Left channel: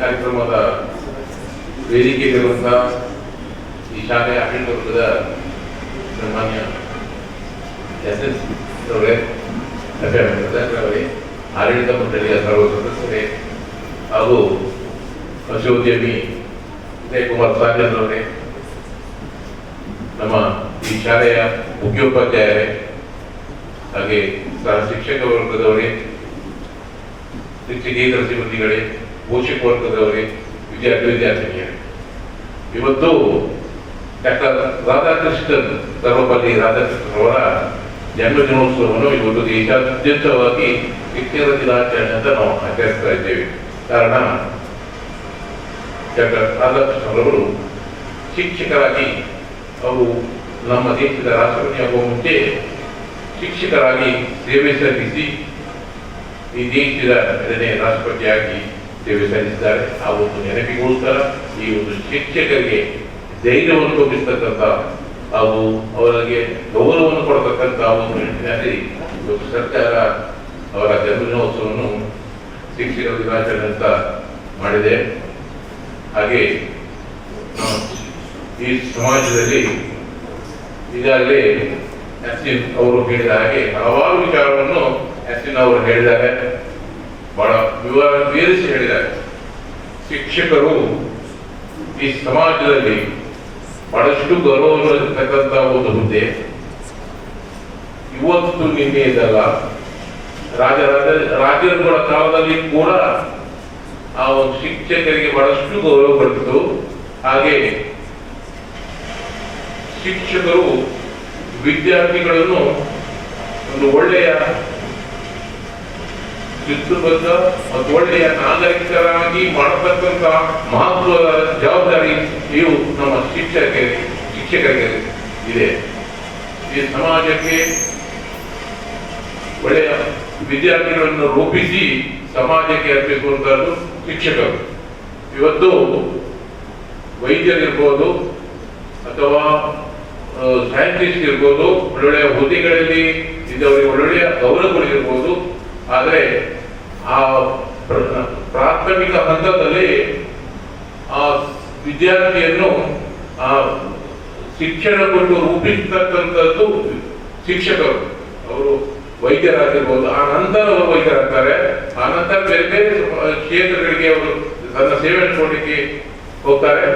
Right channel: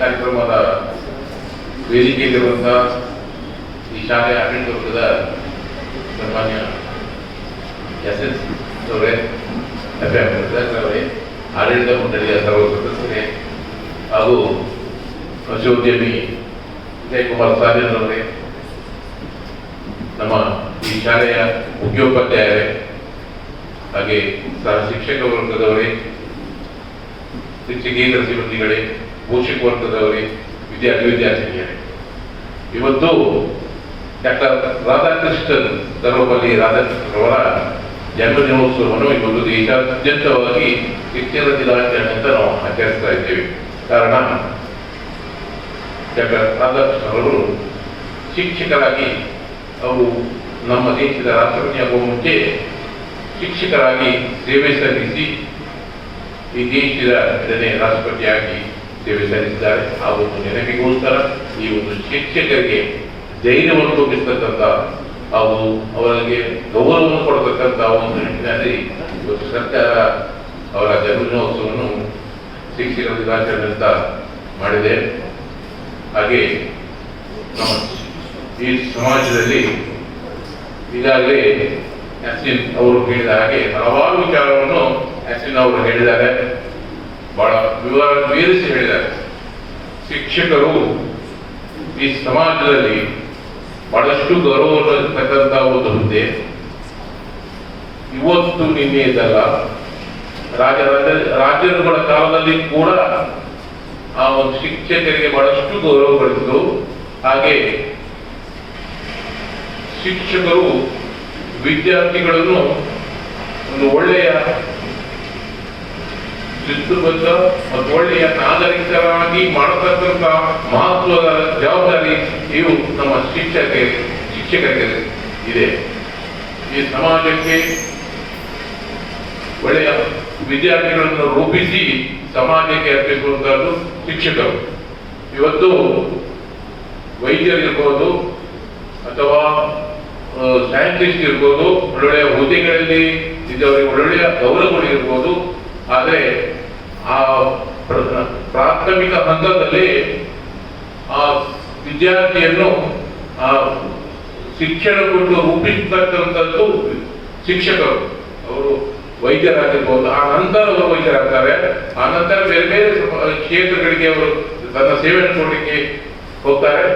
ಕಾರ್ಯಕ್ರಮದ ವೇದಿಕೆಯಲ್ಲಿರುವಂತಹ ಈ ಶಾಲೆಯ ಆಡಳಿತ ವರ್ಗದ ಸನ್ಮಾನ್ಯ SS ಅವರೇ, ಅವರೇ, ಆಡಳಿತ ಮಂಡಳಿಯ ಸರ್ವ ಸದಸ್ಯರೇ ಹಾಗೂ ಪಶುದ್ಯಮಿ ವಿಜಯಕುಮಾರ್ ಸಾಜನ್ ಅವರೇ, ನಮ್ಮ ಈ ಶಾಲೆಯ ಮುಖ್ಯೋಪಾಧ್ಯಾಯರೇ, ಹಾಗೆ ಸಹ ಶಿಕ್ಷಕ ವರ್ಗದವರೇ, ಶಿಕ್ಷಕೇತರ ಸಿಬ್ಬಂದಿಗಳೇ, ಪೋಷಕ ವರ್ಗದವರೇ, ವಿದ್ಯಾರ್ಥಿನಿಯರೇ, ಇವತ್ತು ಡಾಕ್ಟರ್ ರಾಧಾಕೃಷ್ಣನ್ ಸರ್ವಪಲ್ಲಿ ರಾಧಾಕೃಷ್ಣನ್ ಅವರ ಜನ್ಮ ದಿನೋತ್ಸವವನ್ನು ಇವತ್ತು ದೇಶಾದ್ಯಂತವಾಗಿ ಶಿಕ್ಷಕರ ದಿನಾಚರಣೆ ಅಂತ ನಾವು ಆಚರಿಸ್ತಾ ಇದ್ದೇವೆ. ಕಾರಣ ಡಾಕ್ಟರ್ ರಾಧಾಕೃಷ್ಣನ್ ಶಿಕ್ಷಕರಾಗಿ ಅವರು ನಮ್ಮ ದೇಶದ ರಾಷ್ಟ್ರಪತಿಯಾಗುವ ಮುಂಚೆ ಶಿಕ್ಷಕರಾಗಿ ಸೇವೆ ಸಲ್ಲಿಸಿ ಈ ದೇಶದ 2ನೇ ರಾಷ್ಟ್ರಪತಿಯಾಗಿ ಸೇವೆ ಸಲ್ಲಿಸಿದ್ದಾರೆ. ಆ ಒಂದು ನೆನಪಿಗೋಸ್ಕರ ಈ ಒಂದು ಶಿಕ್ಷಕರಿಗೆ ಧೈರ್ಯವನ್ನು ತುಂಬಿಸ್ತಕ್ಕಂಥ ಹಾಗೂ ಅವರಿಗೆ ಗೌರವವನ್ನು ಕೊಡತಕ್ಕಂಥ ಒಂದು ನಿಟ್ಟಿನಲ್ಲಿ ಇವತ್ತು ಸರ್ಕಾರ ಅವರ ಜನ್ಮದಿನೋತ್ಸವವನ್ನು ಶಿಕ್ಷಕರ ದಿನಾಚರಣೆ ಅಂತ ಮಾಡಿದೆ. ಹಾಗೆ ನಮ್ಮ ಈ ಸಮಾಜದಲ್ಲಿ ಈಗಾಗಲೇ ಯಾಸಿನ್ ಅವರು ಹೇಳಿದ ಹಾಗೆ ಹಲವಾರು ವಿಚಾರವನ್ನು ಯಾಸಿನ್ ಅವರು ಹೇಳಿದ್ದಾರೆ, ಬಹಳ ವಿವರಿಸಿ ಹೇಳಿದ್ದಾರೆ. ಶಿಕ್ಷಕರು ಈ ಸಮಾಜದಲ್ಲಿ ಬಹಳಷ್ಟು ಗೌರವಿರತಕ್ಕಂಥ ಒಂದು ಹುದ್ದೆ. ಇವತ್ತು ನಿನ್ನೆದಲ್ಲ, ರಾಜರುಗಳ ಕಾಲದಲ್ಲಿ ಕೂಡ ಆ ಒಂದು ಶಿಕ್ಷಕರಿಗೆ ಬಹಳಷ್ಟು ಗೌರವ ಪಡಿಸಿತು. ಹಾಗೆ ಶಿಕ್ಷಕರು ವಿದ್ಯಾರ್ಥಿಗಳನ್ನು ಒಂದು ಒಳ್ಳೆಯ ಶಿಸ್ತುಬದ್ಧ ಮತ್ತು ಒಳ್ಳೆಯ ನಾಗರಿಕರಾಗಿ ಮಾಡತಕ್ಕಂಥ ಮಹತ್ವದ ಜವಾಬ್ದಾರಿ ಇವು ನಮ್ಮ ಶಿಕ್ಷಕರಿಗೆ ಇದೆ. ಈ ಸಮಾಜಕ್ಕೆ ಒಳ್ಳೆಯ ವಿದ್ಯಾರ್ಥಿಗಳನ್ನು ರೂಪಿಸಿ ಸಮಾಜಕ್ಕೆ ಅರ್ಪಿಸುವಂತಹದ್ದು ಶಿಕ್ಷಕರು. ಇವತ್ತು ವೈದ್ಯರಿರ್ಬೋದು ಅಥವಾ ಸೈಂಟಿಸ್ಟ್ ಇರ್ಬೋದು, ಒಳ್ಳೊಳ್ಳೆಯ ಹುದ್ದೆಗಳಲ್ಲಿ ಇದ್ದವರಿಗೆ ಒಳ್ಳೊಳ್ಳೆಯ ಗೌರವಗಳಿರ್ಬೋದು. ಆದರೆ ಆ ಪ್ರಾಥಮಿಕ ಹಂತದಲ್ಲಿ ಆ ವಿದ್ಯಾರ್ಥಿಯನ್ನು ಆ ಶಿಕ್ಷಣ ಕೊಟ್ಟು ರೂಪಿಸತಕ್ಕಂಥದ್ದು ಶಿಕ್ಷಕರು. ಅವರು ವೈದ್ಯರಾಗಿರ್ಬೋದು, ಆ ನಂತರ ಅವರು ವೈದ್ಯರಾಗ್ತಾರೆ. ಆ ನಂತರ ಬೇರೆ ಬೇರೆ ಕ್ಷೇತ್ರಗಳಿಗೆ ಅವರು ತನ್ನ ಸೇವೆಯನ್ನು ಕೊಡಲಿಕ್ಕೆ ಹೋಗ್ತಾರೆ.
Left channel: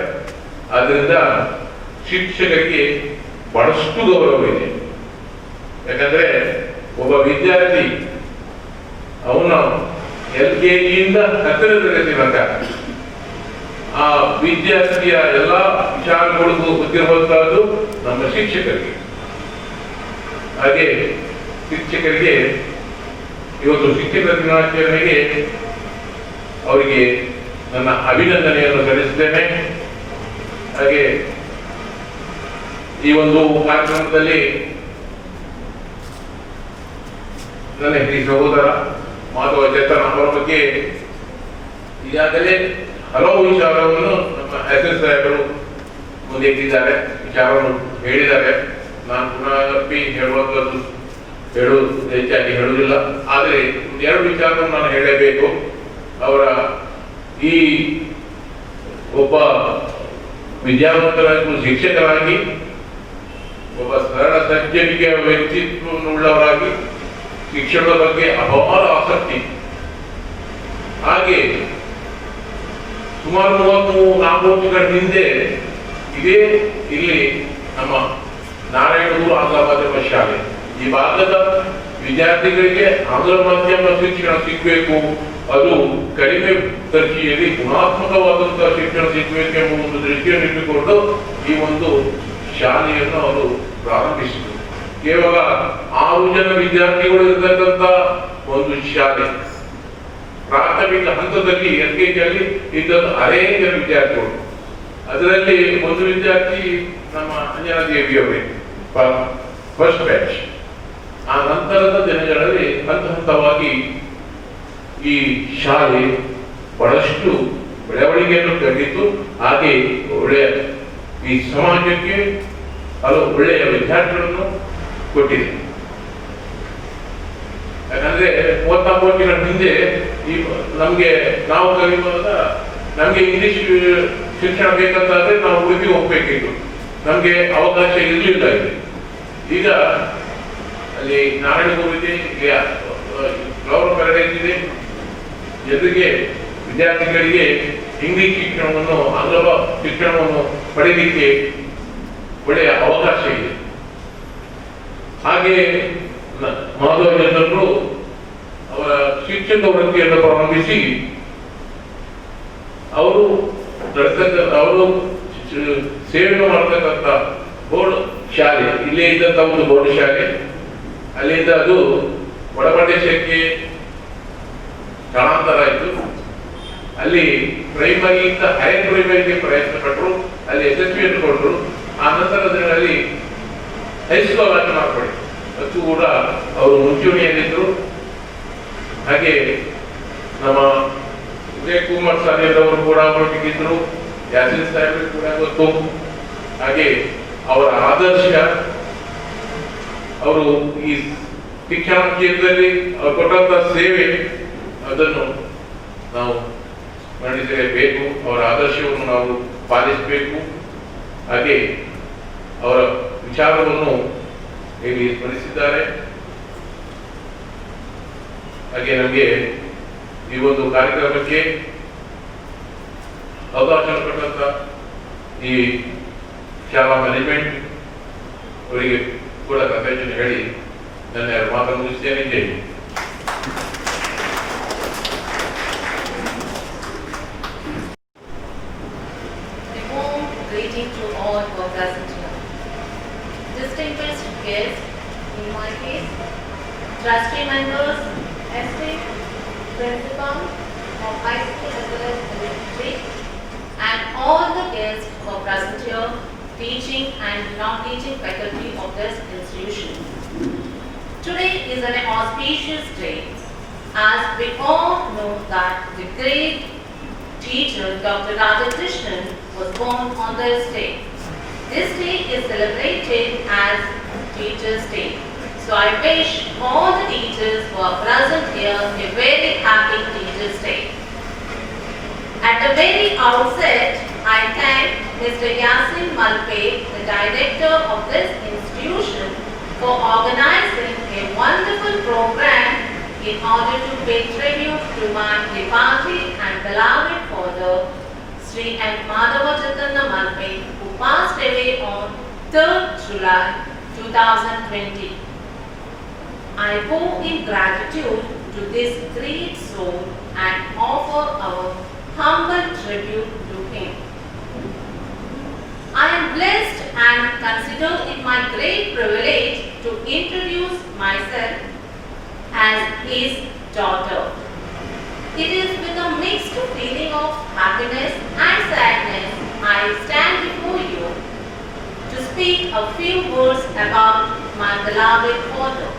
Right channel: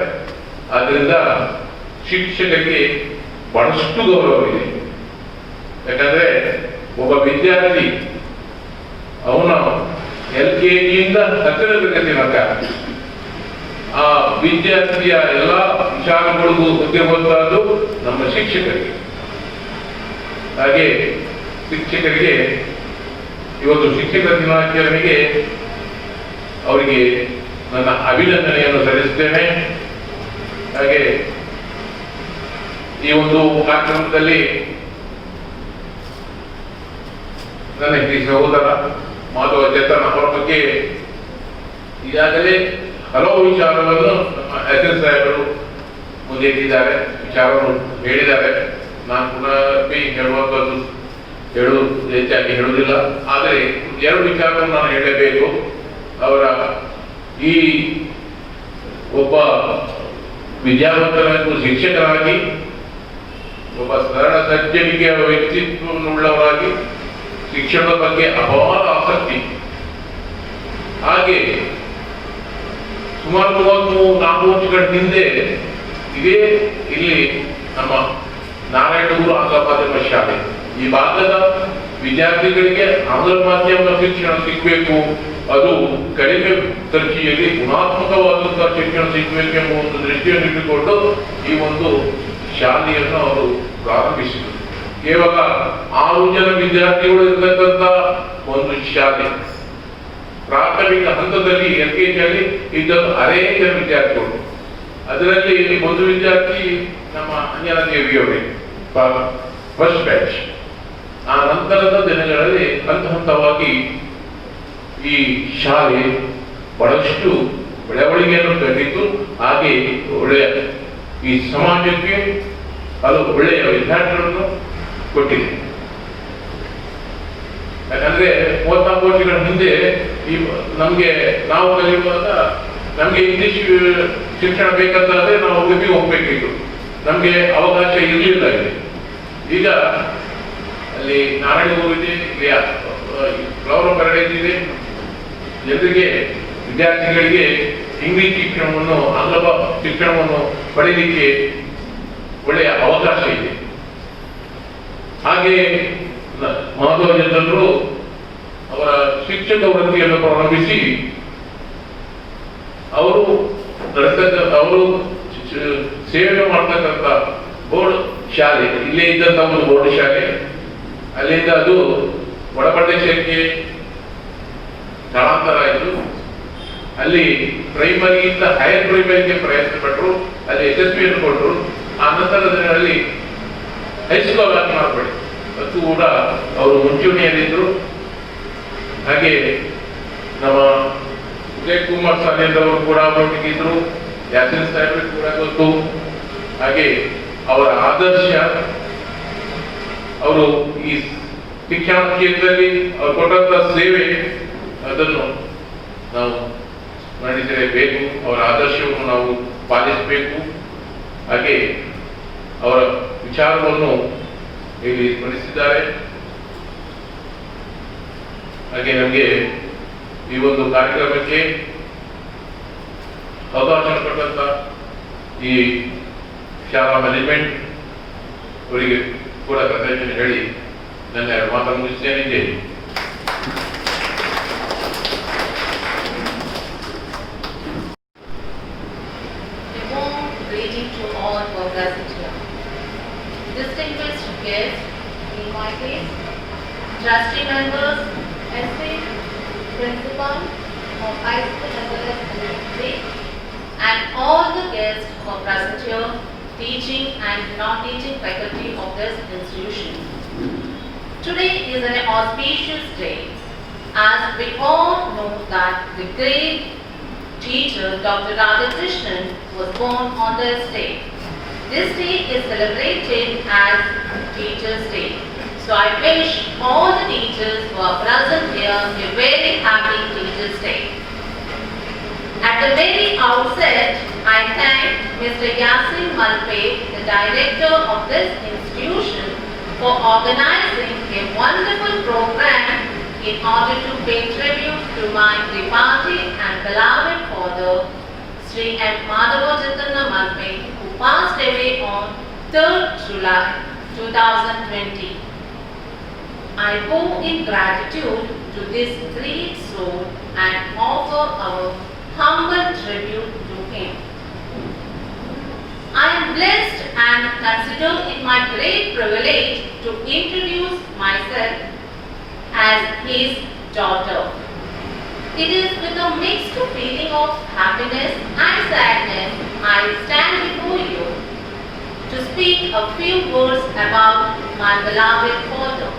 ಆದ್ರಿಂದ ಶಿಕ್ಷಕರಿಗೆ ಬಹಳಷ್ಟು ಗೌರವವಿದೆ. ಯಾಕಂದ್ರೆ ಒಬ್ಬ ವಿದ್ಯಾರ್ಥಿ ಅವನು LKGಯಿಂದ 10ನೇ ತರಗತಿ ತನಕ ಆ ವಿದ್ಯಾರ್ಥಿಯ ಎಲ್ಲ ವಿಚಾರಗಳಿಗೂ ಗೊತ್ತಿರುವಂತಹದ್ದು ನಮ್ಮ ಶಿಕ್ಷಕರಿಗೆ. ಹಾಗೆ ಶಿಕ್ಷಕರಿಗೆ ಇವತ್ತು ಶಿಕ್ಷಕರ ದಿನಾಚರಣೆಗೆ ಅವರಿಗೆ ನನ್ನ ಅಭಿನಂದನೆಯನ್ನು ಸಲ್ಲಿಸುತ್ತೇನೆ. ಹಾಗೆ ಈ ಒಂದು ಕಾರ್ಯಕ್ರಮದಲ್ಲಿ ನನ್ನ ಈ ಸಹೋದರ ಮಾಧವ ಚೇತನ ಅವರ ಬಗ್ಗೆ ಈಗಾಗಲೇ ಹಲವು ವಿಚಾರವನ್ನು ನಮ್ಮ SS ಸಾಹೇಬರು ಮುಂದೆ ಇಟ್ಟಿದ್ದಾರೆ, ವಿಚಾರವನ್ನು ಹೇಳಿದ್ದಾರೆ. ನಾನು ಪುನಃ ಹೆಚ್ಚಾಗಿ ಹೇಳುವುದಿಲ್ಲ. ಆದರೆ 2 ವಿಚಾರವನ್ನು ನಾನು ಹೇಳಬೇಕು. ಅವರ ಈ ಒಬ್ಬ ವಿದ್ಯಾವಂತರಾಗಿ ಶಿಕ್ಷಕರಾಗಿ ಒಬ್ಬ ಸರಳ ಸಜ್ಜನಿಕೆಯ ವ್ಯಕ್ತಿತ್ವವುಳ್ಳವರಾಗಿ ಶಿಕ್ಷಣದ ಬಗ್ಗೆ ಅಪಾರ ಆಸಕ್ತಿ. ಹಾಗೆ ಸುಮಾರು 34 ವರ್ಷಗಳ ಹಿಂದೆ ಇದೇ ಇಲ್ಲಿ ನಮ್ಮ ನಾರಾಯಣಗೂರು ಆಂಗ್ಲ ಮಾಧ್ಯಮ ಶಾಲೆ, ಈ ಭಾಗದ ವಿದ್ಯಾರ್ಥಿಗಳಿಗೆ ಆಂಗ್ಲ ಮಾಧ್ಯಮ ಶಿಕ್ಷಣ ಸಿಗಬೇಕು, ಅದು ಕಡಿಮೆ ಖರ್ಚಿನಲ್ಲಿ ಗುಣಾತ್ಮಕವಾದಂತಹ ಶಿಕ್ಷಣ ಸಿಗಬೇಕು ಎಂಬ ಒಂದು ದೃಷ್ಟಿಯನ್ನು ಇಟ್ಟುಕೊಂಡು ಈ ಒಂದು ಶಾಲೆಯನ್ನು ಅವರು ಪ್ರಾರಂಭಿಸಿದರು. ಕೇವಲ 6 ಜನ ವಿದ್ಯಾರ್ಥಿಗಳು ಇರತಕ್ಕಂಥ ಒಂದು ಶಾಲೆ. ಪ್ರಾಥಮಿಕ ಹಂತದಲ್ಲಿ LKGಯಲ್ಲಿ ಇದ್ದದ್ದು 6 ಜನ ವಿದ್ಯಾರ್ಥಿಗಳು. ಅದರಲ್ಲಿ ಒಂದು ವಿದ್ಯಾರ್ಥಿ ನಮ್ಮ ಅಂಜನಾ ದೇವಿಯವರೇ, ಫಸ್ಟ್ ಬ್ಯಾಚ್. ಆ ನಂತರದ ದಿನಗಳಲ್ಲಿ ಹಂತ ಹಂತವಾಗಿ ಈ ಶಾಲೆ ಬಹಳಷ್ಟು ಬೆಳವಣಿಗೆಯನ್ನು ಕಂಡಿತು. ಹಾಗೆ ಒಳ್ಳೆಯ ಈ ಸಮಾಜಕ್ಕೆ ಹಲವು ಒಳ್ಳೆಯ ವಿದ್ಯಾರ್ಥಿಗಳನ್ನು ಕೊಟ್ಟಿದೆ. ಯಾಕಂದ್ರೆ 34 ವರ್ಷಗಳ ಹಿಂದೆ ಈ ನಮ್ಗೆ ನಾವು ಕಲಿಯುವಾಗ ನಮಗೆ ಇಂಗ್ಲಿಷ್ ಶಿಕ್ಷಣ ಬೇಕಂತಾದ್ರೆ ನಾವು ಉಡುಪಿ ಹೋಗ್ಬೇಕಿತ್ತು, ನಮಗೆ ಅವಕಾಶ ಇರಲಿಲ್ಲ ಇಲ್ಲಿ. ಈಗ ಅಲ್ಲಿ ನಾರಾಯಣಗುರು ಇದೆ, ಇಲ್ಲಿ ಫ್ಲವರ್ ಪ್ಯಾರಡೈಸ್ ಇದೆ. ಜೊತೆಗೆ ವಿದ್ಯಾರ್ಥಿಗಳಿಗೆ ಇಂಗ್ಲಿಷ್ ಶಿಕ್ಷಣವನ್ನು, ಆಂಗ್ಲ ಶಿಕ್ಷಣವನ್ನು ಪಡೆಯಲಿಕ್ಕೆ ಒಳ್ಳೆಯ ಅವಕಾಶ ಇದೆ. ಹಾಗೆ ಮಾಧವರಾಜರು ಅವರ ಶಿಕ್ಷಕ ವೃತ್ತಿಯನ್ನು ಪ್ರಾರಂಭಿಸಿ ಅವರು ಸೇವೆ ಮಾಡ್ತಕ್ಕಂಥ ಬೋರ್ಡ್ ಶಾಲೆ, ಇಲ್ಲೇ ಇದ್ದಂತ ಒಂದು ಬೋರ್ಡ್ ಶಾಲೆ, ಅಲ್ಲಿಂದ ಅದು ಒಳಪ್ರದೇಶಕ್ಕೆ ಸ್ಥಳಾಂತರ ಆಯಿತು. ಅಲ್ಲಿ ಪ್ರೈಮರಿಯಿಂದ ಹೈಯರ್ ಪ್ರೈಮರಿಗೆ ಪ್ರಯತ್ನ ಪಟ್ಟರು, ಅಲ್ಲಿ ಯಶಸ್ವಿಯನ್ನು ಕೊಟ್ಟರು. ಆ ನಂತರದಲ್ಲಿ ಹೈಸ್ಕೂಲ್ ವ್ಯಾಖ್ಯಾನ ಮಾಡಿ ಅದು ಕೂಡ ಅವರು ಮುಂಚೂಣಿಯಲ್ಲಿದ್ದರು. ಹಾಗೆ ನಮ್ಮ ವಿಜಯ್ ಕುಮಾರ್ ಸಾಹೇಬ್ರವರು ಕೂಡ ಒಟ್ಟಿಗಿದ್ರು, ಯಾಸಿನ್ ಸಾಹೇಬ್ ಕೂಡ ಗೊತ್ತು. ಹಾಗೆ ಅವರ ಆದರ್ಶ, ಅವರು ಈ ಶಿಕ್ಷಣ ಕ್ಷೇತ್ರದಲ್ಲಿ ಅವರು ಕೊಟ್ಟಂತ ಸೇವೆ, ಅದನ್ನು ನಾವು ನಡೆಸಲೇಬೇಕು. ಅವರ ಆದರ್ಶವನ್ನು ನಾವು ಪಾಲಿಸಬೇಕು. ಹಾಗೆ ಅವರ ವಿಚಾರವನ್ನು ಇಲ್ಲಿ ಸ್ಮರಿಸಿದ್ದಾರೆ. ಹಾಗೆ ನಮಗೆ ಈ ಒಂದು ಕಾರ್ಯಕ್ರಮಕ್ಕೆ ಅವಕಾಶ ಕೊಟ್ಟಂತ ಈ ಶಾಲಾ ಮ್ಯಾನೇಜ್ಮೆಂಟ್ ಅವರಿಗೆ ಕೂಡ ಕೃತಜ್ಞತೆ ಹೇಳಿ ನನ್ನ ಮಾತನ್ನು ಮುಗಿಸ್ತೇನೆ. Greeting to all who are present here. Distinguished guests, in my case, trustee members, esteemed principal of high school as well as elementary, and all the guests who are present here, teaching and non-teaching faculty of this institution. Today is an auspicious day, as we all know that the great teacher Dr. Radhakrishnan was born on this day. This day is celebrated as Teachers' Day. So I wish all the teachers who are present here a very happy Teachers' Day. At the very outset, I thank Mr. Yasin Malpe, the director of this institution, for organizing a wonderful program in order to pay tribute to my departed and beloved father, Sri M. Madhavachandra Malpe, who passed away on 3rd July 2020. I owe in gratitude to this great soul and offer our humble tribute to him. I am blessed and consider it my great privilege to introduce myself as his daughter. It is with a mixed feeling of happiness and sadness I stand before you to speak a few words about my beloved father.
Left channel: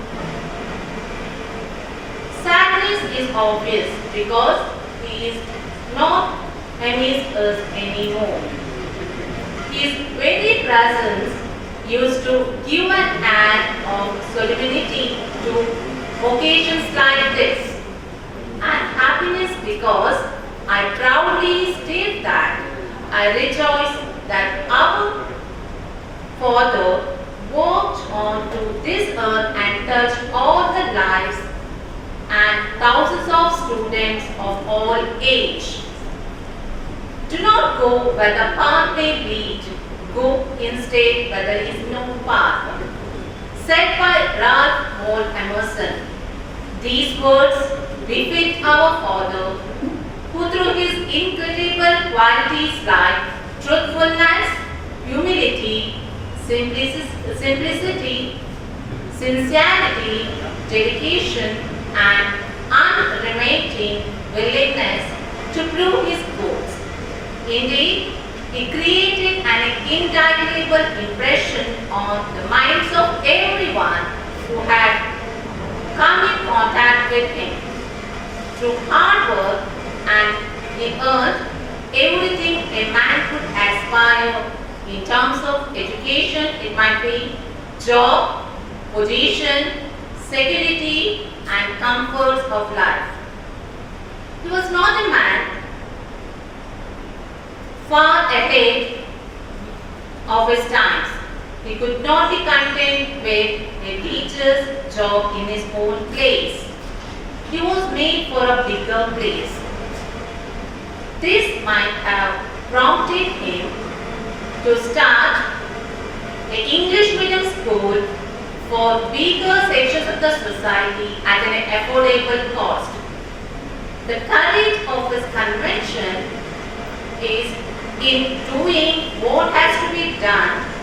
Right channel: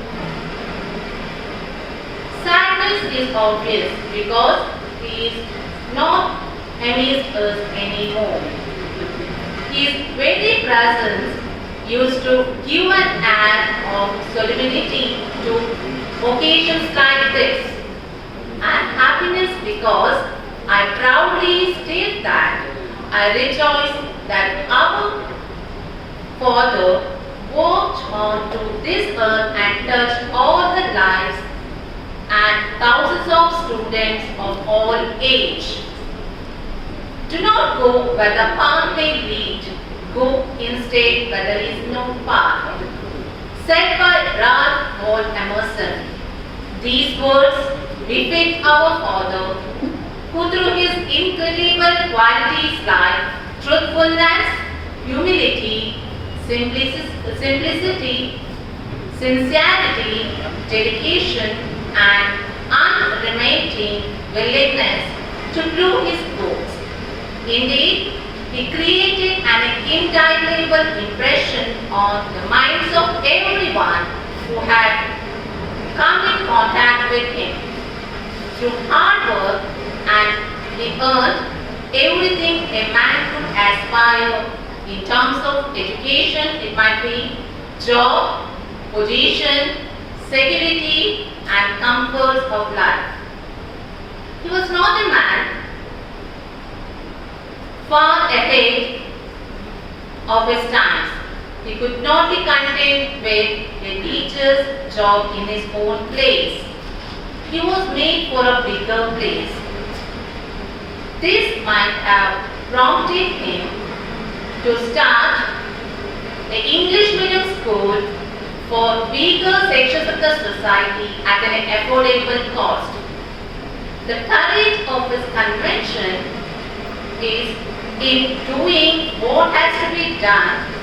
Sadness is obvious because he is not amidst us anymore. His very presence used to give an air of solemnity to occasions like this, and happiness because I proudly state that I rejoice that our Father walked onto this earth and touched all the lives and thousands of students of all age. Do not go where the path may lead, go instead where there is no path. Said by Ralph Waldo Emerson. These words befit our Father, who through his incredible qualities like truthfulness, humility, simplicity, sincerity, dedication, and unremitting willingness to prove his goals. Indeed, he created an indelible impression on the minds of everyone who had come in contact with him. Through hard work, and he earned everything a man could aspire in terms of education. It might be job, position, security, and comforts of life. He was not a man far ahead of his times. He could not be content with a teacher's job in his own place. He was made for a bigger place. This might have prompted him to start the English medium school for weaker sections of the society at an affordable cost. The courage of his convention is in doing what has to be done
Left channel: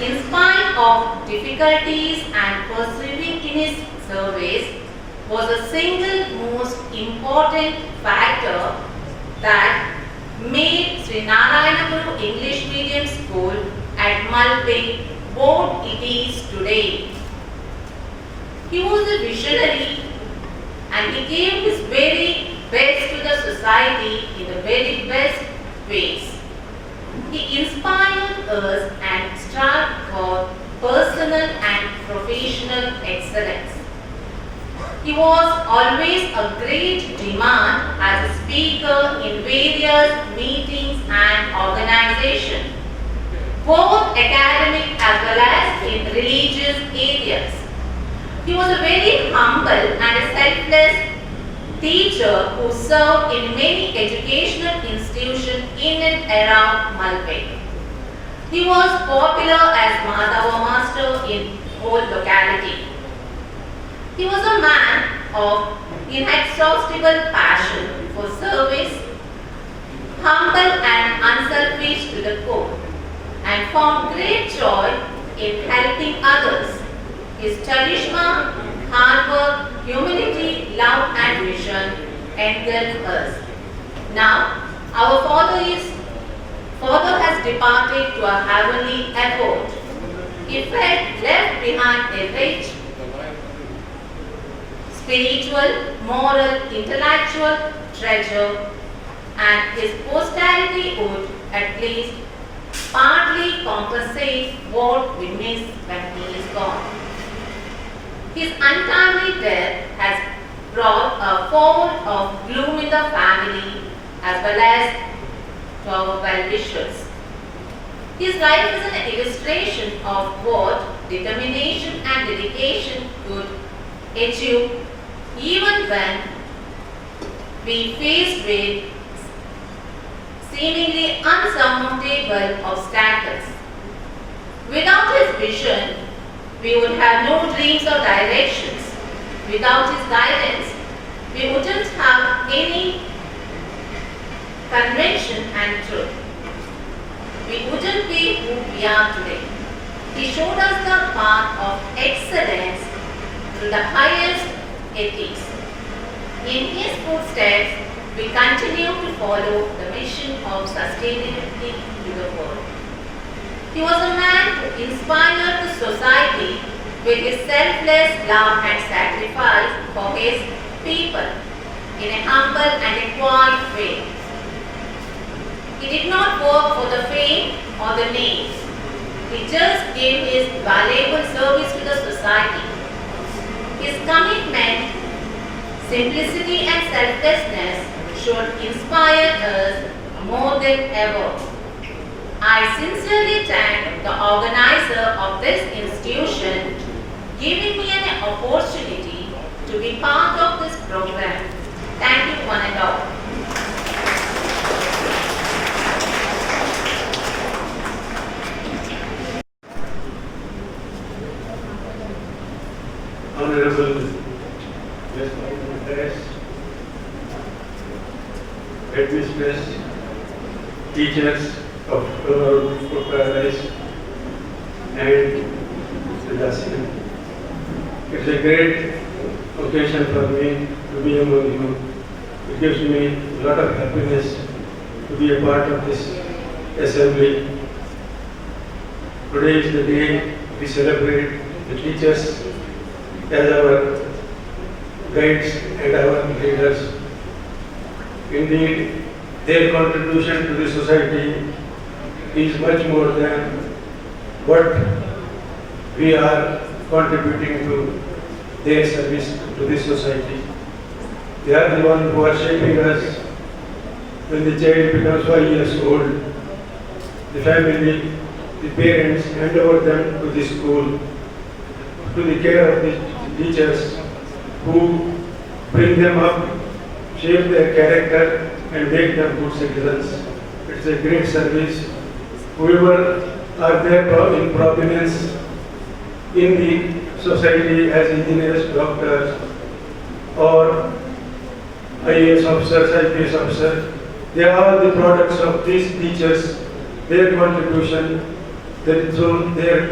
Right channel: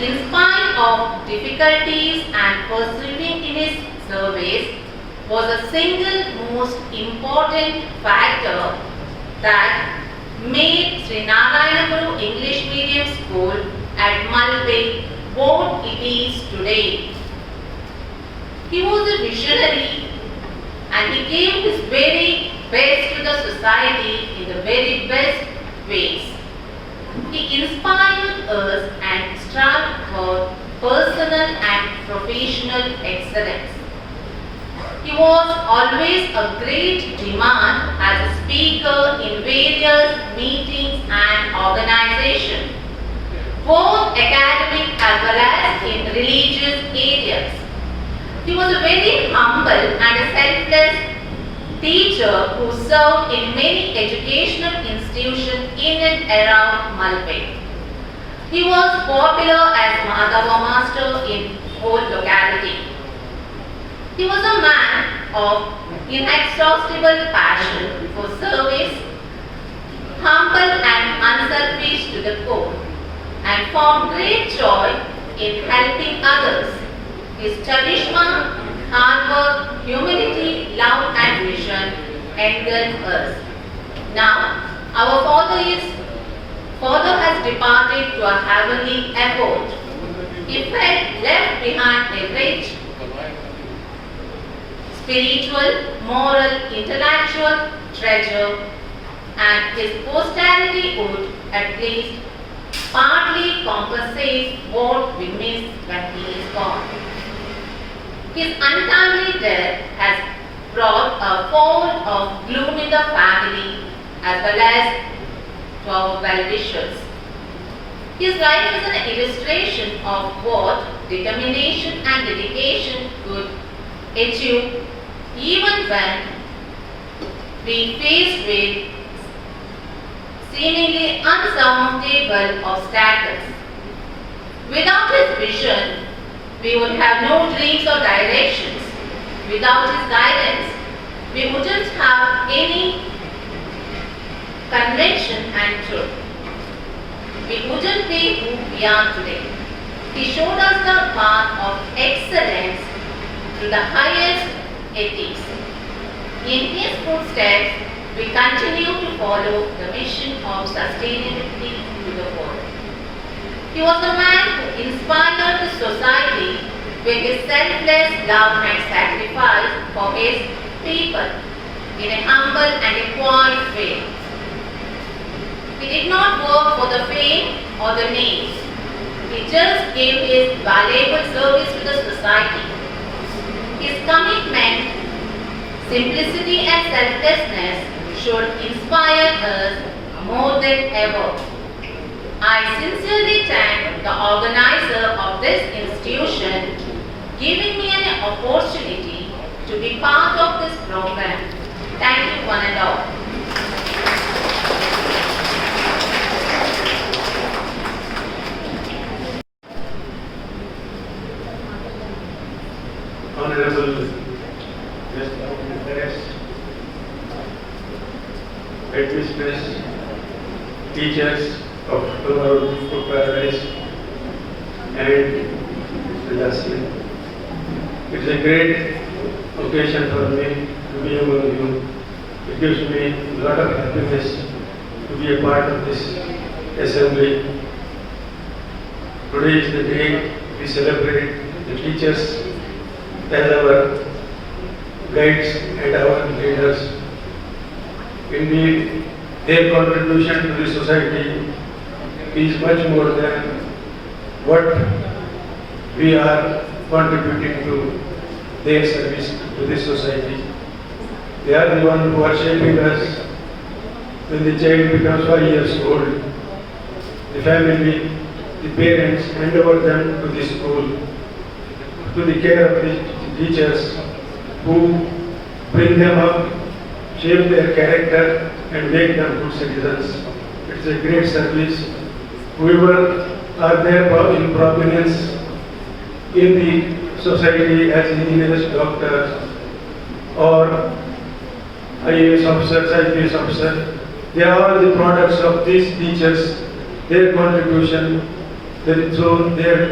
in spite of difficulties and persevering in his service was the single most important factor that made Sri Narayana Guru English Medium School at Malpe what it is today. He was a visionary and he gave his very best to the society in the very best ways. He inspired us and strived for personal and professional excellence. He was always a great demand as a speaker in various meetings and organizations, both academic as well as in religious areas. He was a very humble and a selfless teacher who served in many educational institutions in and around Malpe. He was popular as Madhava Master in whole locality. He was a man of inexhaustible passion for service, humble and unselfish to the core, and found great joy in helping others. His charisma, hard work, humility, love and vision engulf us. Now, our Father has departed to a heavenly abode. He felt left behind a rich spiritual, moral, intellectual treasure, and his posterity would at least partly compensate what we miss when he is gone. His untimely death has brought a fold of gloom in the family as well as to our well-wishers. His life is an illustration of what determination and dedication could achieve even when we faced with seemingly unsurmountable obstacles. Without his vision, we would have no dreams or directions. Without his guidance, we wouldn't have any convention and truth. We wouldn't be who we are today. He showed us the path of excellence to the highest ethics. In his footsteps, we continue to follow the mission of sustainability to the world. He was a man who inspired the society with his selfless love and sacrifice for his people in a humble and a quiet way. He did not work for the fame or the name. He just gave his valuable service to the society. His commitment, simplicity and selflessness should inspire us more than ever. I sincerely thank the organizer of this institution giving me an opportunity to be part of this program. Thank you one and all. Honorable Guest of Press, Headmistress, teachers of Tomorrow Paradise, and Sebastian. It's a great occasion for me to be among you. It gives me a lot of happiness to be a part of this assembly. Today is the day we celebrate the teachers as our guides and our leaders. Indeed, their contribution to the society is much more than what we are contributing to their service to the society. They are the ones who are shaping us when the child becomes 5 years old, the family, the parents hand over them to the school, to the care of the teachers who bring them up, shape their character and make them good citizens. It's a great service. Whoever are there in prominence in the society as engineers, doctors, or IAS officers, IPS officers, they are all the products of these teachers. Their contribution, their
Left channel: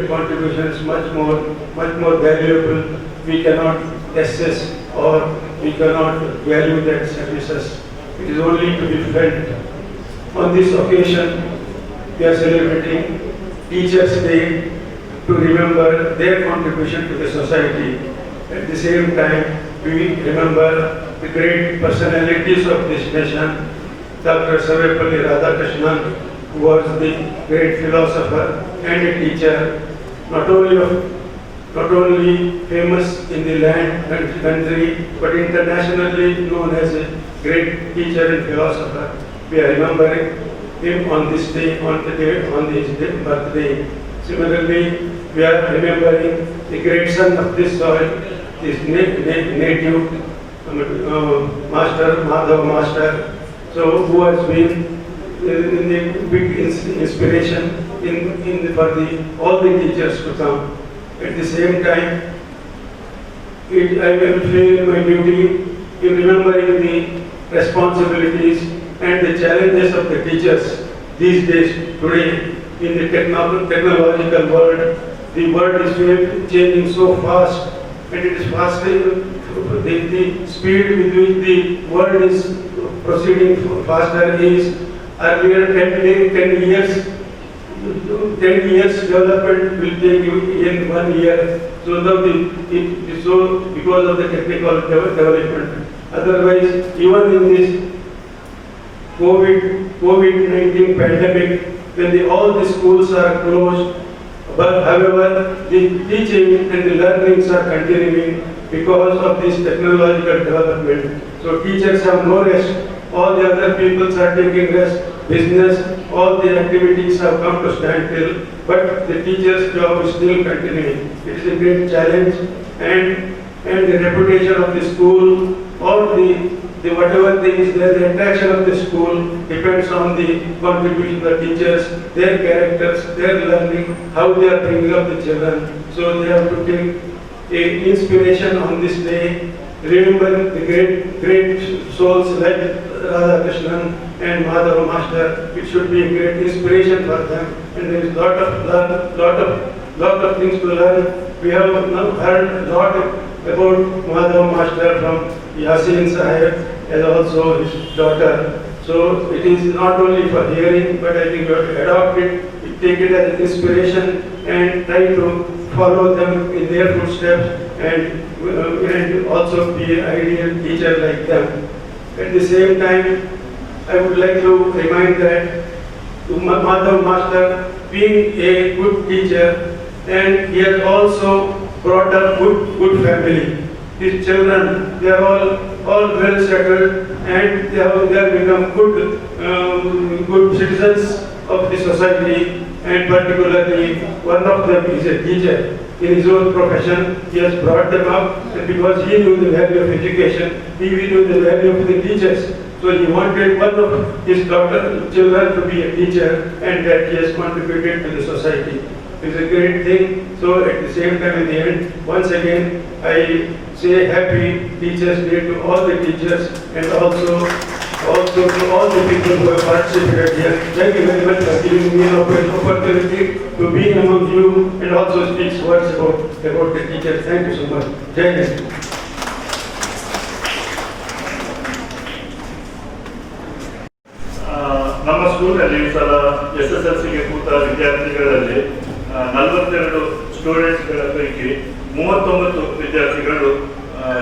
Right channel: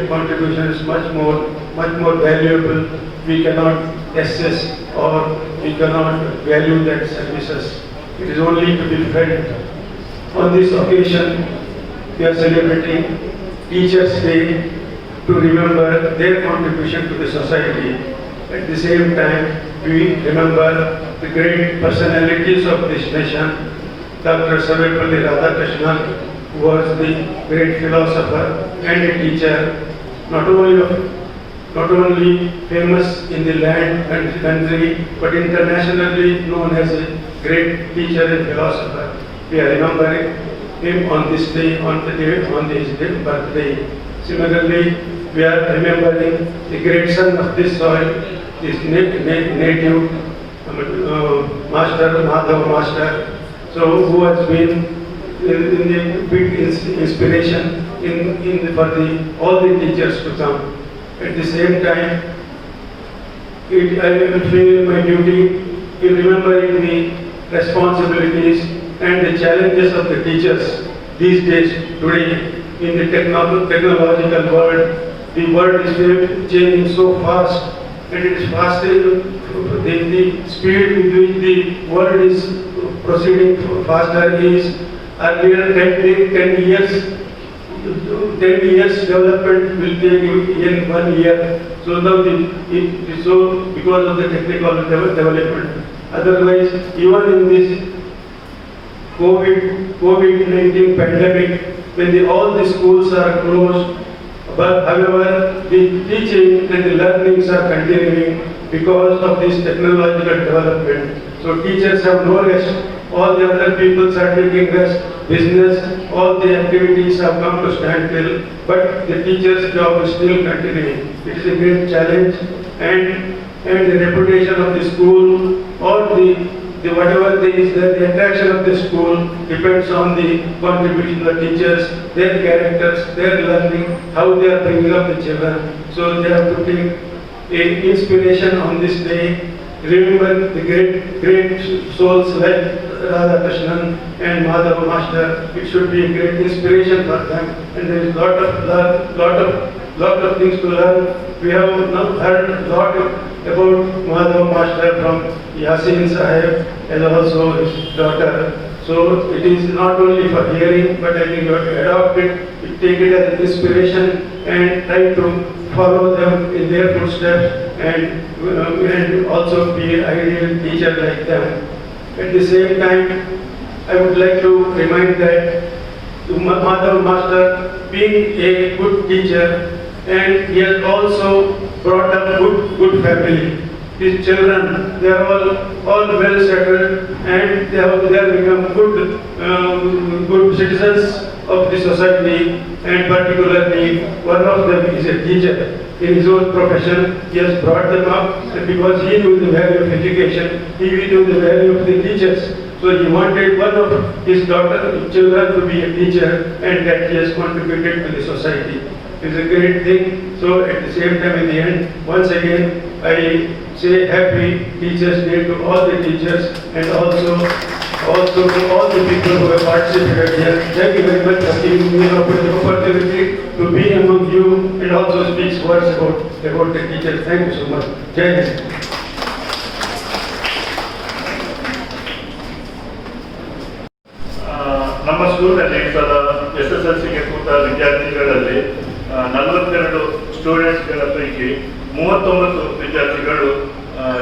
contribution is much more valuable. We cannot assess or we cannot value that services. It is only to be felt. On this occasion, we are celebrating Teachers' Day to remember their contribution to the society. At the same time, we remember the great personalities of this nation. Dr. Sarvepalli Radhakrishnan, who was the great philosopher and a teacher, not only famous in the land and the country, but internationally known as a great teacher and philosopher. We are remembering him on this day, on his birthday. Similarly, we are remembering the great son of this soil, his native master, Madhav Master, so who has been in the big inspiration for all the teachers to come. At the same time, I will feel my duty in remembering the responsibilities and the challenges of the teachers these days today in the technological world. The world is changing so fast, and it is faster. The speed with which the world is proceeding faster is earlier 10 years development will take in 1 year. So now because of the technical development. Otherwise, even in this COVID-19 pandemic, when all the schools are closed, but however, the teaching and the learnings are continuing because of this technological development. So teachers have no rest. All the other peoples are taking rest. Business, all the activities have come to standstill, but the teacher's job is still continuing. It is a great challenge, and the reputation of the school or the whatever there is, the attraction of the school depends on the contribution of the teachers, their characters, their learning, how they are bringing up the children. So they have to take a inspiration on this day, remember the great souls like Radhakrishnan and Madhav Master. It should be a great inspiration for them, and there is lot of things to learn. We have now heard a lot about Madhav Master from Yasin Sahib and also his daughter. So it is not only for hearing, but I think you have to adopt it, take it as an inspiration and try to follow them in their footsteps and also be an ideal teacher like them. At the same time, I would like to remind that Madhav Master, being a good teacher, and he has also brought up good family. His children, they are all well settled, and they have become good citizens of the society, and particularly one of them is a teacher. In his own profession, he has brought them up, and because he knew the value of education, he knew the value of the teachers. So he wanted one of his children to be a teacher, and that he has contributed to the society. It's a great thing. So at the same time, in the end, once again, I say happy Teachers' Day to all the teachers and also to all the people who have participated here. Thank you very much for giving me an opportunity to be among you and also speak words about the teachers. Thank you so much. Jai Hind. ನಮ್ಮ ಸ್ಕೂಲ್ನಲ್ಲಿ ಸಲ SSLCಗೆ ಕೂತ ವಿದ್ಯಾರ್ಥಿಗಳಲ್ಲಿ 42 ಸ್ಟೂಡೆಂಟ್ಸ್ಗಳ ಪೈಕಿ 39 ವಿದ್ಯಾರ್ಥಿಗಳು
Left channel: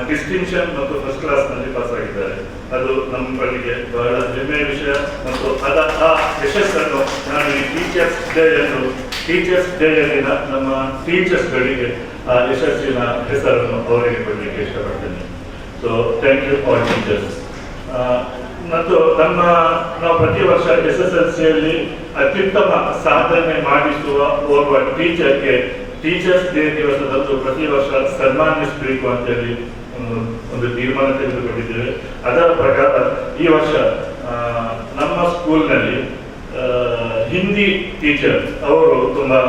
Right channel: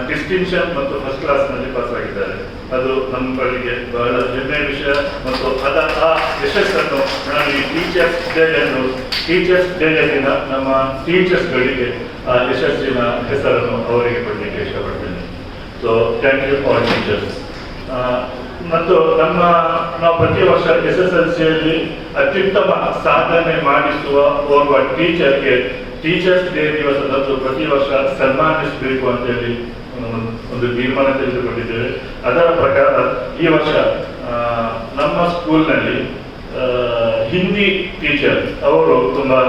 ಡಿಸ್ಟಿಂಕ್ಷನ್ ಮತ್ತು ಫಸ್ಟ್ ಕ್ಲಾಸ್ನಲ್ಲಿ ಪಾಸ್ ಆಗಿದ್ದಾರೆ. ಅದು ನಮ್ಮ ಕಡೆಗೆ ಬಹಳ ಹೆಮ್ಮೆಯ ವಿಷಯ ಮತ್ತು ಆ ಯಶಸ್ಸನ್ನು ನಾನು ಈ ಟೀಚರ್ಸ್ ಡೇಯಲ್ಲಿನ ನಮ್ಮ ಟೀಚರ್ಸ್ಗಳಿಗೆ ಆ ಯಶಸ್ಸಿನ ಹೆಸರನ್ನು ಅವರಿಗೆ ಕೊಡಲಿಕ್ಕೆ ಇಷ್ಟಪಡ್ತೇನೆ. So thank you all teachers. ಮತ್ತು ನಾವು ಪ್ರತಿ ವರ್ಷ SSLCಯಲ್ಲಿ ಅತ್ಯುತ್ತಮ ಸಾಧನೆ ಮಾಡಿಸುವ ಓರ್ವ ಟೀಚರ್ಗೆ ಟೀಚರ್ಸ್ ಡೇ ದಿವಸದಂದು ಪ್ರತಿ ವರ್ಷ ಸನ್ಮಾನಿಸಬೇಕು ಅಂತೇಳಿ ಒಂದು ತೀರ್ಮಾನ ತೆಗೆದುಕೊಂಡಿದ್ದೇವೆ. ಅದರ ಪ್ರಕಾರ ಈ ವರ್ಷ ನಮ್ಮ ಸ್ಕೂಲ್ನಲ್ಲಿ ಹಿಂದಿ ಟೀಚರ್ ಅವರು ತುಂಬಾ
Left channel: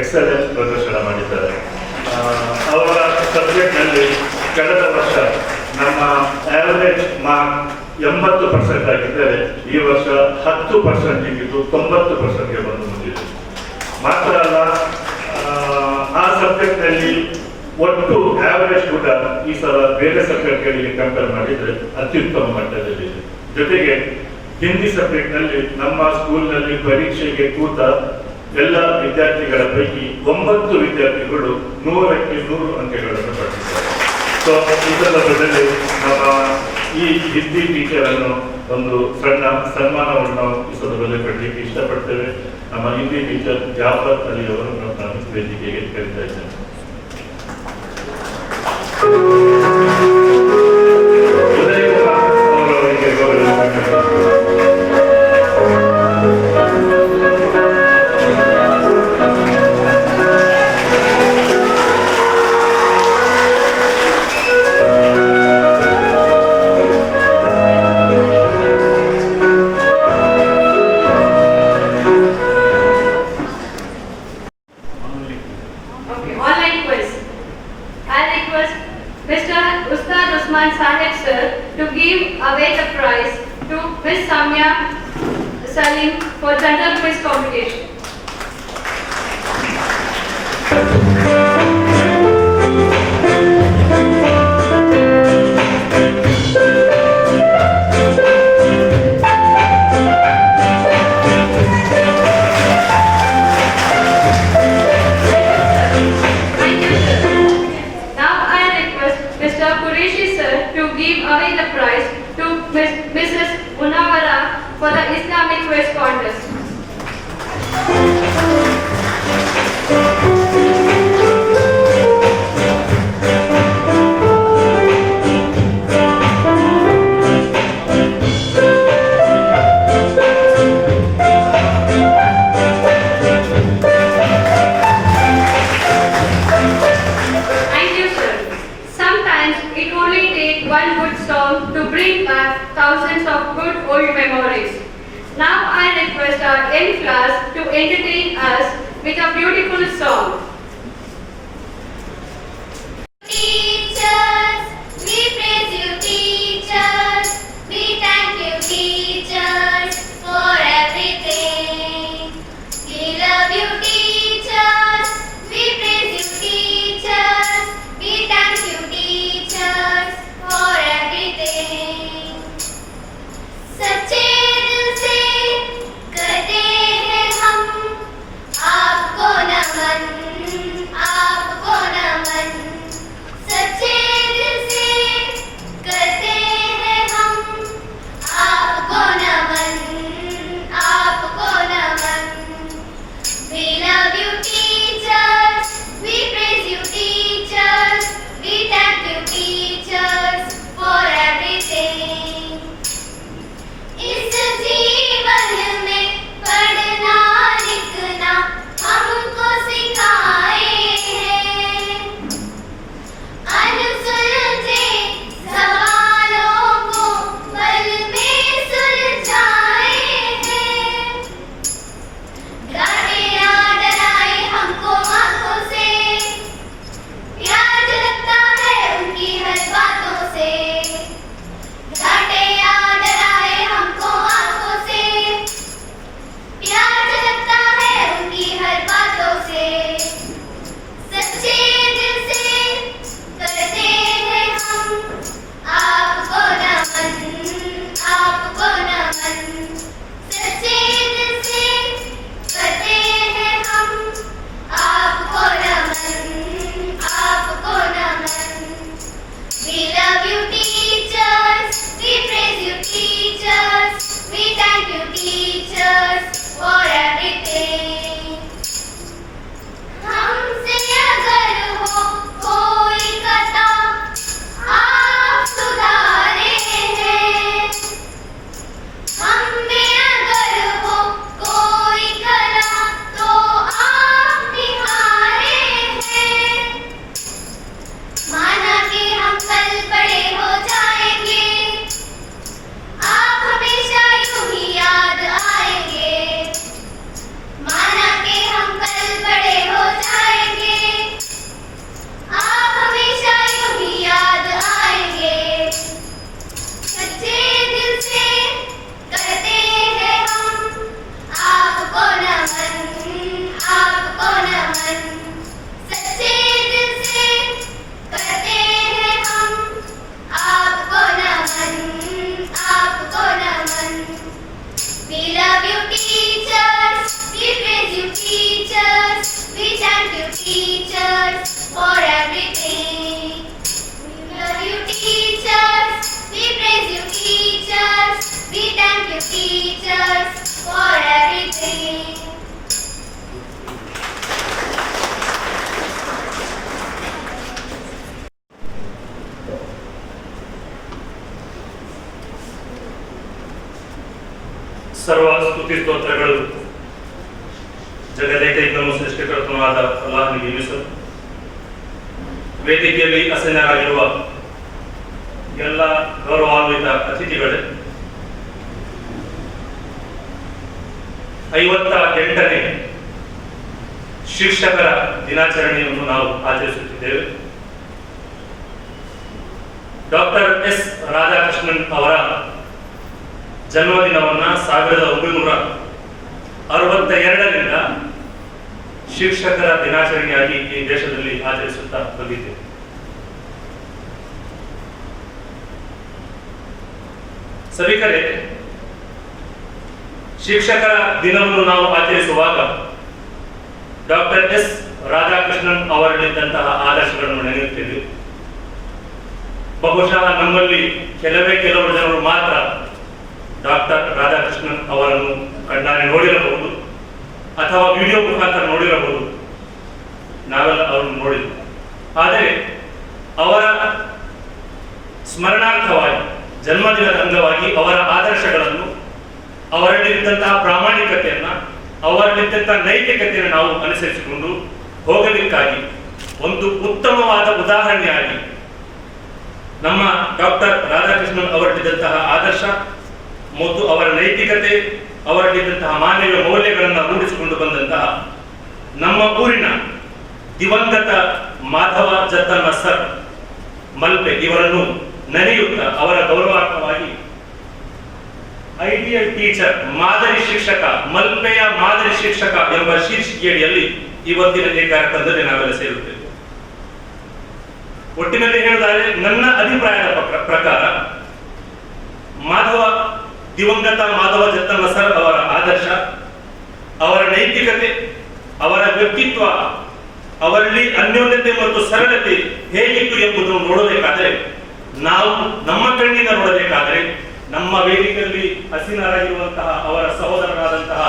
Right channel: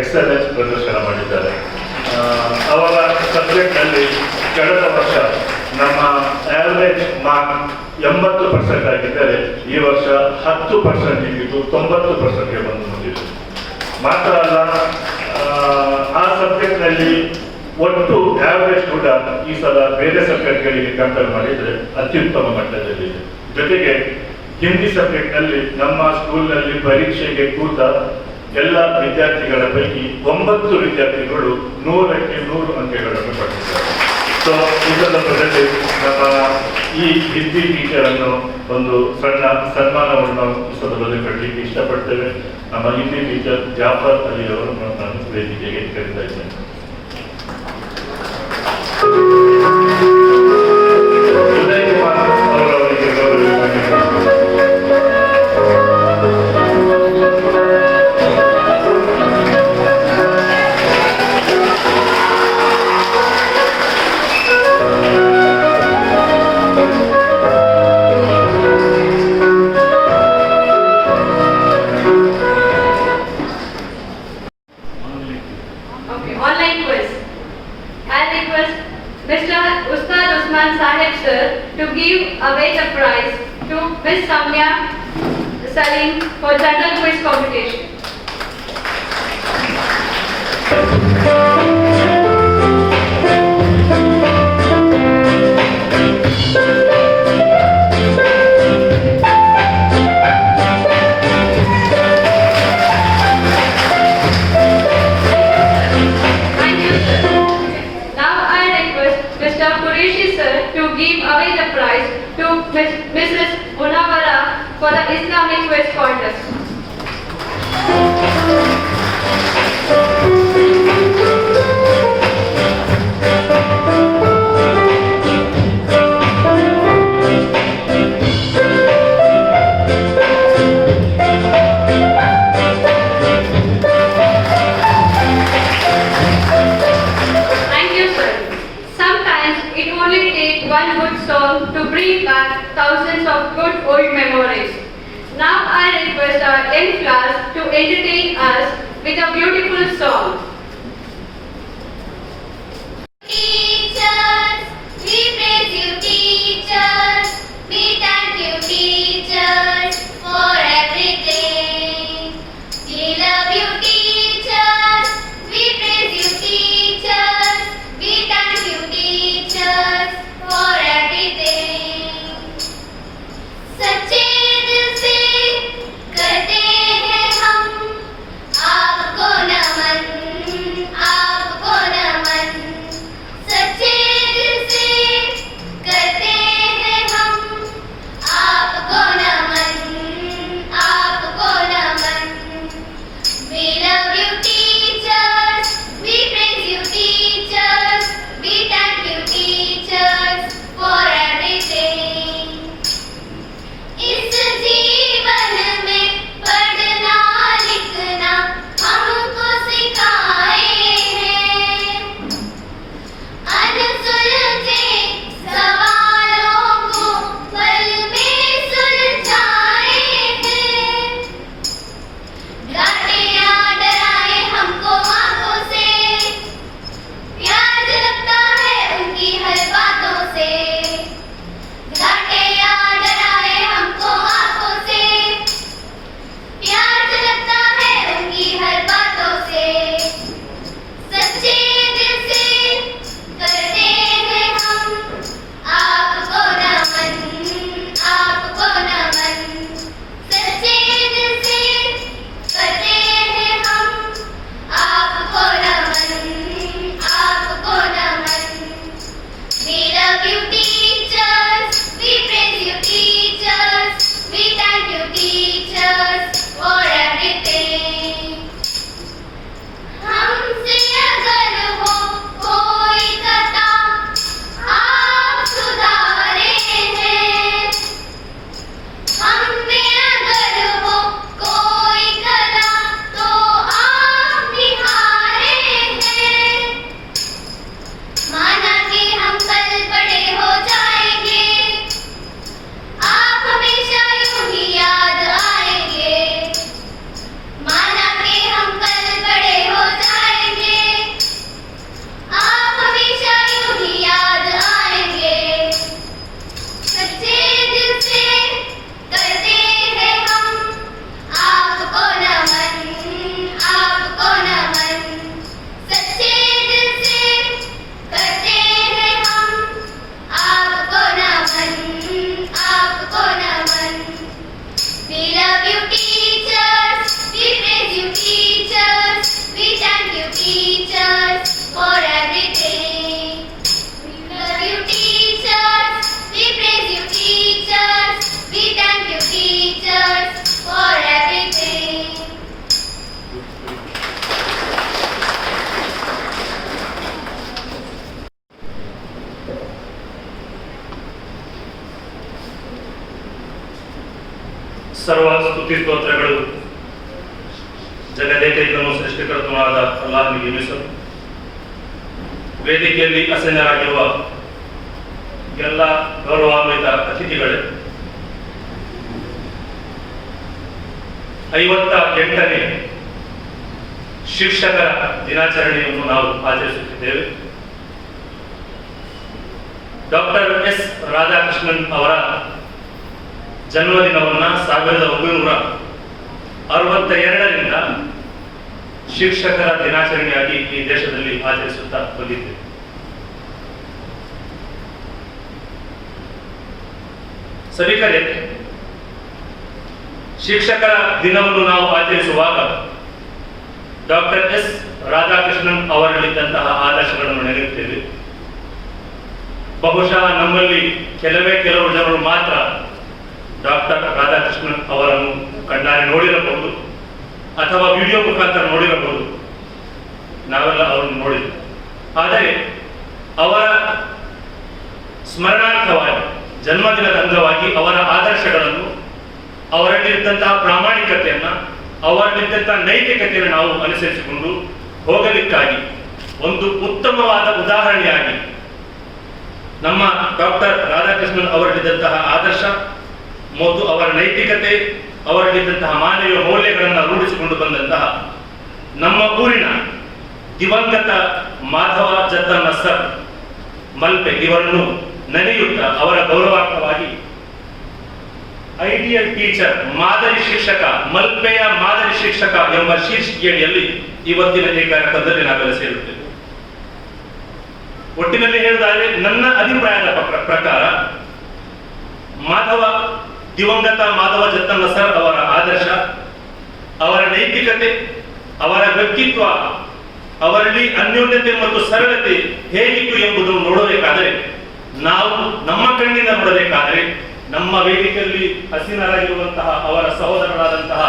ಎಕ್ಸಲೆನ್ಸ್ ಪ್ರದರ್ಶನ ಮಾಡಿದ್ದಾರೆ. ಅವರ ಸಬ್ಜೆಕ್ಟ್ನಲ್ಲಿ ಕಳೆದ ವರ್ಷ ನಮ್ಮ ಆವರೇಜ್ ಮಾರ್ಕ್ 80% ಆಗಿದ್ದರೆ ಈ ವರ್ಷ 10% ಇದ್ದು 90%ಗೆ ಬಂದು ಮುಟ್ಟಿದೆ. ಮಾತ್ರ ಅಲ್ಲ, ಆ ಸಬ್ಜೆಕ್ಟ್ನಲ್ಲಿ ಒಟ್ಟು ಆವರೇಜ್ ಕೂಡ ಈ ಸಲ ಬೇರೆ ಸಬ್ಜೆಕ್ಟ್ಗಳಿಗೆ ಕಂಪೇರ್ ಮಾಡಿದರೆ ಅತ್ಯುತ್ತಮ ಮಟ್ಟದಲ್ಲಿದೆ. ಜೊತೆಗೆ ಹಿಂದಿ ಸಬ್ಜೆಕ್ಟ್ನಲ್ಲಿ ನಮ್ಮ ಸ್ಕೂಲ್ನಲ್ಲಿ ಪರೀಕ್ಷೆಗೆ ಕೂತ ಎಲ್ಲ ವಿದ್ಯಾರ್ಥಿಗಳ ಪೈಕಿ 9 ವಿದ್ಯಾರ್ಥಿಗಳು 100ಕ್ಕೆ 100 ಅಂಕಗಳನ್ನು ಪಡೆದಿದ್ದಾರೆ. ಸೊ ಈ ಸಂದರ್ಭದಲ್ಲಿ ನಮ್ಮ ಈ ಹಿಂದಿ ಟೀಚರ್ ಅನ್ನು ಒಂದು ಸಣ್ಣ ಸನ್ಮಾನವನ್ನು ನಾವು ಈ ಸಂದರ್ಭದಲ್ಲಿ ಪಡಲಿಕ್ಕೆ ಇಷ್ಟಪಡ್ತೇವೆ. ನಮ್ಮ ಹಿಂದಿ ಟೀಚರ್ ಜಾಫರ್ ಅಲಿ ಅವರನ್ನು ನಾನು ವೇದಿಕೆಗೆ ಕರೀತಾ ಇದ್ದೇನೆ. ಉದಯ್ ಕುಮಾರ್ ಅವರವರಿಗೆ ಗೌರವ Mr. Ustad Usman Sahib sir to give away the prize to Miss Samya Salim for general quiz competition. Qureshi sir to give away the prize to Mrs. Munawara for the Islamic quiz contest. One good song to bring back thousands of good old memories. Now I request our young class to entertain us with a beautiful song. Teachers, we praise you teachers, we thank you teachers for everything. We love you teachers, we praise you teachers, we thank you teachers for everything. सच्चे दिल से करते हैं हम आपको नमन, आपको नमन. सच्चे दिल से करते हैं teachers for everything. We love you teachers, we praise you teachers, we thank you teachers for everything. ಸರ್ವ ಸ್ತುತಿ ಸ್ತೋತ್ರಗಳು ಜಗದೇಕೈಕನು ಸೃಷ್ಟಿಕರ್ತನಾದ ಅಲ್ಲಾಹನಿಗೆ ಮೀಸಲು. ವೇದಿಕೆಯಲ್ಲಿ ಆಸೀನರಾಗಿರುವ ಎಲ್ಲ ಗೌರವಾನ್ವಿತ ಅತಿಥಿಗಳೇ, 58ನೇ ಶಿಕ್ಷಕರ ದಿನಾಚರಣೆಯನ್ನು ನಾವು ಆಚರಿಸುತ್ತಿದ್ದೇವೆ. ಡಾಕ್ಟರ್ ಎಸ್ ರಾಧಾಕೃಷ್ಣನ್ ಅವರ ಜನ್ಮದಿನವನ್ನು 1962ರಿಂದ ಶಿಕ್ಷಕರ ದಿನಾಚರಣೆಯಾಗಿ ಈ ದೇಶದಲ್ಲಿ ಆಚರಿಸುತ್ತಾ ಬಂದಿದ್ದೇವೆ. ಸಭಿಕರೇ, ಶಿಕ್ಷಕರ ದಿನವನ್ನು ನಾವು ಆಚರಿಸುವಾಗ ಡಾಕ್ಟರ್ ಎಸ್ ರಾಧಾಕೃಷ್ಣನ್ ಅವರಲ್ಲಿದ್ದಂತಹ ಆದರ್ಶಗಳನ್ನು ನೆನೆಯುತ್ತೇವೆ. ಬಹುಶಃ ನಮ್ಮಲ್ಲಿ ಕೆಲವರು ಜನರು ಮಾತ್ರ ಡಾಕ್ಟರ್ ರಾಧಾಕೃಷ್ಣನ್ ಅವರನ್ನು ಕಣ್ಣಾರೆ ನೋಡಿರಬಹುದು ಅಥವಾ ವಿಡಿಯೋ ಮುಖಾಂತರ ನೋಡಿರಬಹುದು. ನಾವೆಲ್ಲ ಅವರನ್ನು ನೋಡಿದ್ವಿ. ಆದರೆ ಅವರ ಸ್ಮರಣಾರ್ಥವಾಗಿ, ಜನ್ಮದಿನದ ಅಂಗವಾಗಿ ಅವರ ಆದರ್ಶಗಳನ್ನು, ಅವರಲ್ಲಿದ್ದಂತಹ ಪ್ರಾಮಾಣಿಕತೆಯನ್ನ, ಅವರಲ್ಲಿದ್ದಂತಹ ನೈತಿಕತೆಯನ್ನು ನಾವು ಅನುಸರಿಸಿಕೊಂಡು ಹೋಗಲಿಕ್ಕಾಗಿ ಒಂದು ಉತ್ತಮವಾದ ಉದಾಹರಣೆಯಾಗಿ ನಮ್ಮ ಡಾಕ್ಟರ್ ರಾಧಾಕೃಷ್ಣನ್ ಅವರಲ್ಲಿದ್ದಂತಹ ಆದರ್ಶ ಮತ್ತು ಅವರ ನೈತಿಕತೆ, ಅವರಲ್ಲಿದ್ದಂತಹ ಮಾನವೀಯ ಮೌಲ್ಯಗಳನ್ನು ರೂಢಿಸಿಕೊಂಡು ಬಂದಂತಹ ನಮ್ಮ ಊರಿನ ದಿವಂಗತ ಮಾಧವ ಜತ್ತನ್ನ ಸರ್ ಮಲ್ಪೆ ಇವರನ್ನು ನೆನೆಯುತ್ತಾ ಅವರ ಗೌರವಾರ್ಥವಾಗಿ ಐಡಿಯಲ್ ಟೀಚರ್, ಮಾದರಿ ಶಿಕ್ಷಕ, ಮಲ್ಪೆಯ ಮಾದರಿ ಶಿಕ್ಷಕ ಎಂಬ ಶೀರ್ಷಿಕೆಯಡಿಯಲ್ಲಿ ಇವತ್ತಿನ ಈ ಕಾರ್ಯಕ್ರಮದಲ್ಲಿ ನಾವೆಲ್ಲ ಸೇರುತ್ತೇವೆ. ಒಟ್ಟಿನಲ್ಲಿ ಹೇಳುವುದಾದರೆ ನನ್ನ ಅಭಿಪ್ರಾಯದ ಪ್ರಕಾರ ದಿವಂಗತ ಮಾಧವ ಜತ್ತನ್ನ ಸರ್ ಅವರ ಆದರ್ಶ, ಅವರ ನೈತಿಕತೆ, ಅವರ ವ್ಯಕ್ತಿತ್ವ, ಅವರಲ್ಲಿ ಅನ್ಯೋನ್ಯತೆ ಮತ್ತು ಸರಳತೆ ಹೇಗಿತ್ತು ಎಂಬುದನ್ನು ನೋಡಬೇಕಾದರೆ, ನಾವು ನಮ್ಮ ಕಣ್ಣಿಂದ ನೋಡಬೇಕಾದರೆ ನಮ್ಮ ವೇದಿಕೆಯಲ್ಲಿ ಹಸೀನರಾಗಿರುವಂತಹ ಅವರ ಸಹೋದರರಾದಂತಹ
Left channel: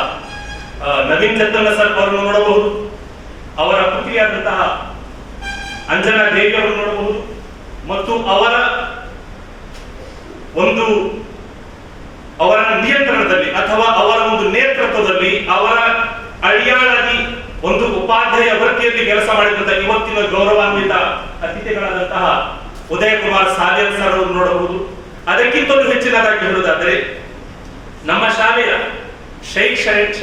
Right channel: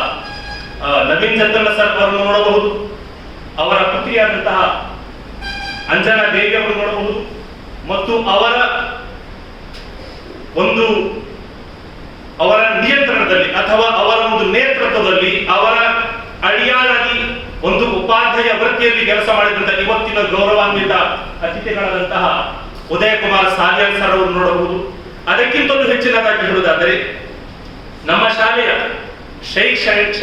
ನವೀನ್ ಜತ್ತನ್ನ ಸರ್ ಅವರನ್ನು ನೋಡಬಹುದು, ಅವರ ಪುತ್ರಿಯಾದಂತಹ ಅಂಜನಾ ದೇವಿ ಅವರನ್ನು ನೋಡಬಹುದು, ಮತ್ತು ಅವರ ನಿಯಂತ್ರಣದಲ್ಲಿ ಅಥವಾ ಅವರ ಒಂದು ನೇತೃತ್ವದಲ್ಲಿ, ಅವರ ಅಡಿಯಾಳಾಗಿ ಒಂದು ಉಪಾಧ್ಯಾಯ ವೃತ್ತಿಯಲ್ಲಿ ಕೆಲಸ ಮಾಡಿದಂತಹ ಇವತ್ತಿನ ಗೌರವಾನ್ವಿತ ಅತಿಥಿಗಳಾದಂತಹ ಉದಯ ಕುಮಾರ್ ಸಾಲಿಯಲ್ ಸರ್ ಅವರು ನೋಡಬಹುದು. ಅದಕ್ಕಿಂತಲೂ ಹೆಚ್ಚಿನದಾಗಿ ಹೇಳುವುದಾದರೆ ನಮ್ಮ ಶಾಲೆಯ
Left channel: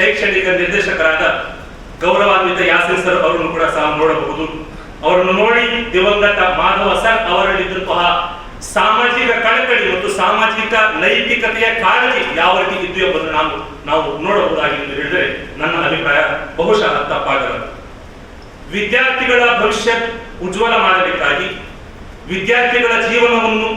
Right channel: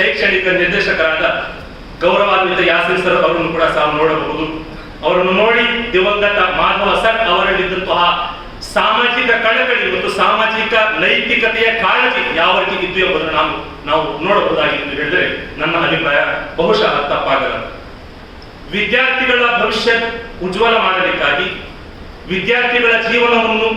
ಶೈಕ್ಷಣಿಕ ನಿರ್ದೇಶಕರಾದ ಗೌರವಾನ್ವಿತ ಯಾಸಿನ್ ಸರ್ ಅವರನ್ನು ಕೂಡ ಸಹ ನೋಡಬಹುದು. ಅವರನ್ನು ನೋಡಿ ದಿವಂಗತ ಮಾಧವ ಸರ್ ಅವರಲ್ಲಿದ್ದಂತಹ ಸಾಮಾಜಿಕ ಕಳಕಳಿ ಮತ್ತು ಸಾಮಾಜಿಕ ನೈತಿಕತೆಯ ಕಾಳಜಿ ಯಾವ ರೀತಿ ಇದ್ದು ಎಂಬುದನ್ನು ನಾವು ನೋಡಬಹುದಾಗಿ ಎಂದು ಹೇಳಿದರೆ ನನ್ನ ಅಭಿಪ್ರಾಯ ಬಹುಶಃ ತಪ್ಪಾಗಲ್ಲ. ವಿದ್ಯಾರ್ಥಿಗಳ ಭವಿಷ್ಯ ಉಜ್ವಲ ಮಾಡಲಿಕ್ಕಾಗಿ, ವಿದ್ಯಾರ್ಥಿಗಳ ಜೀವನವನ್ನು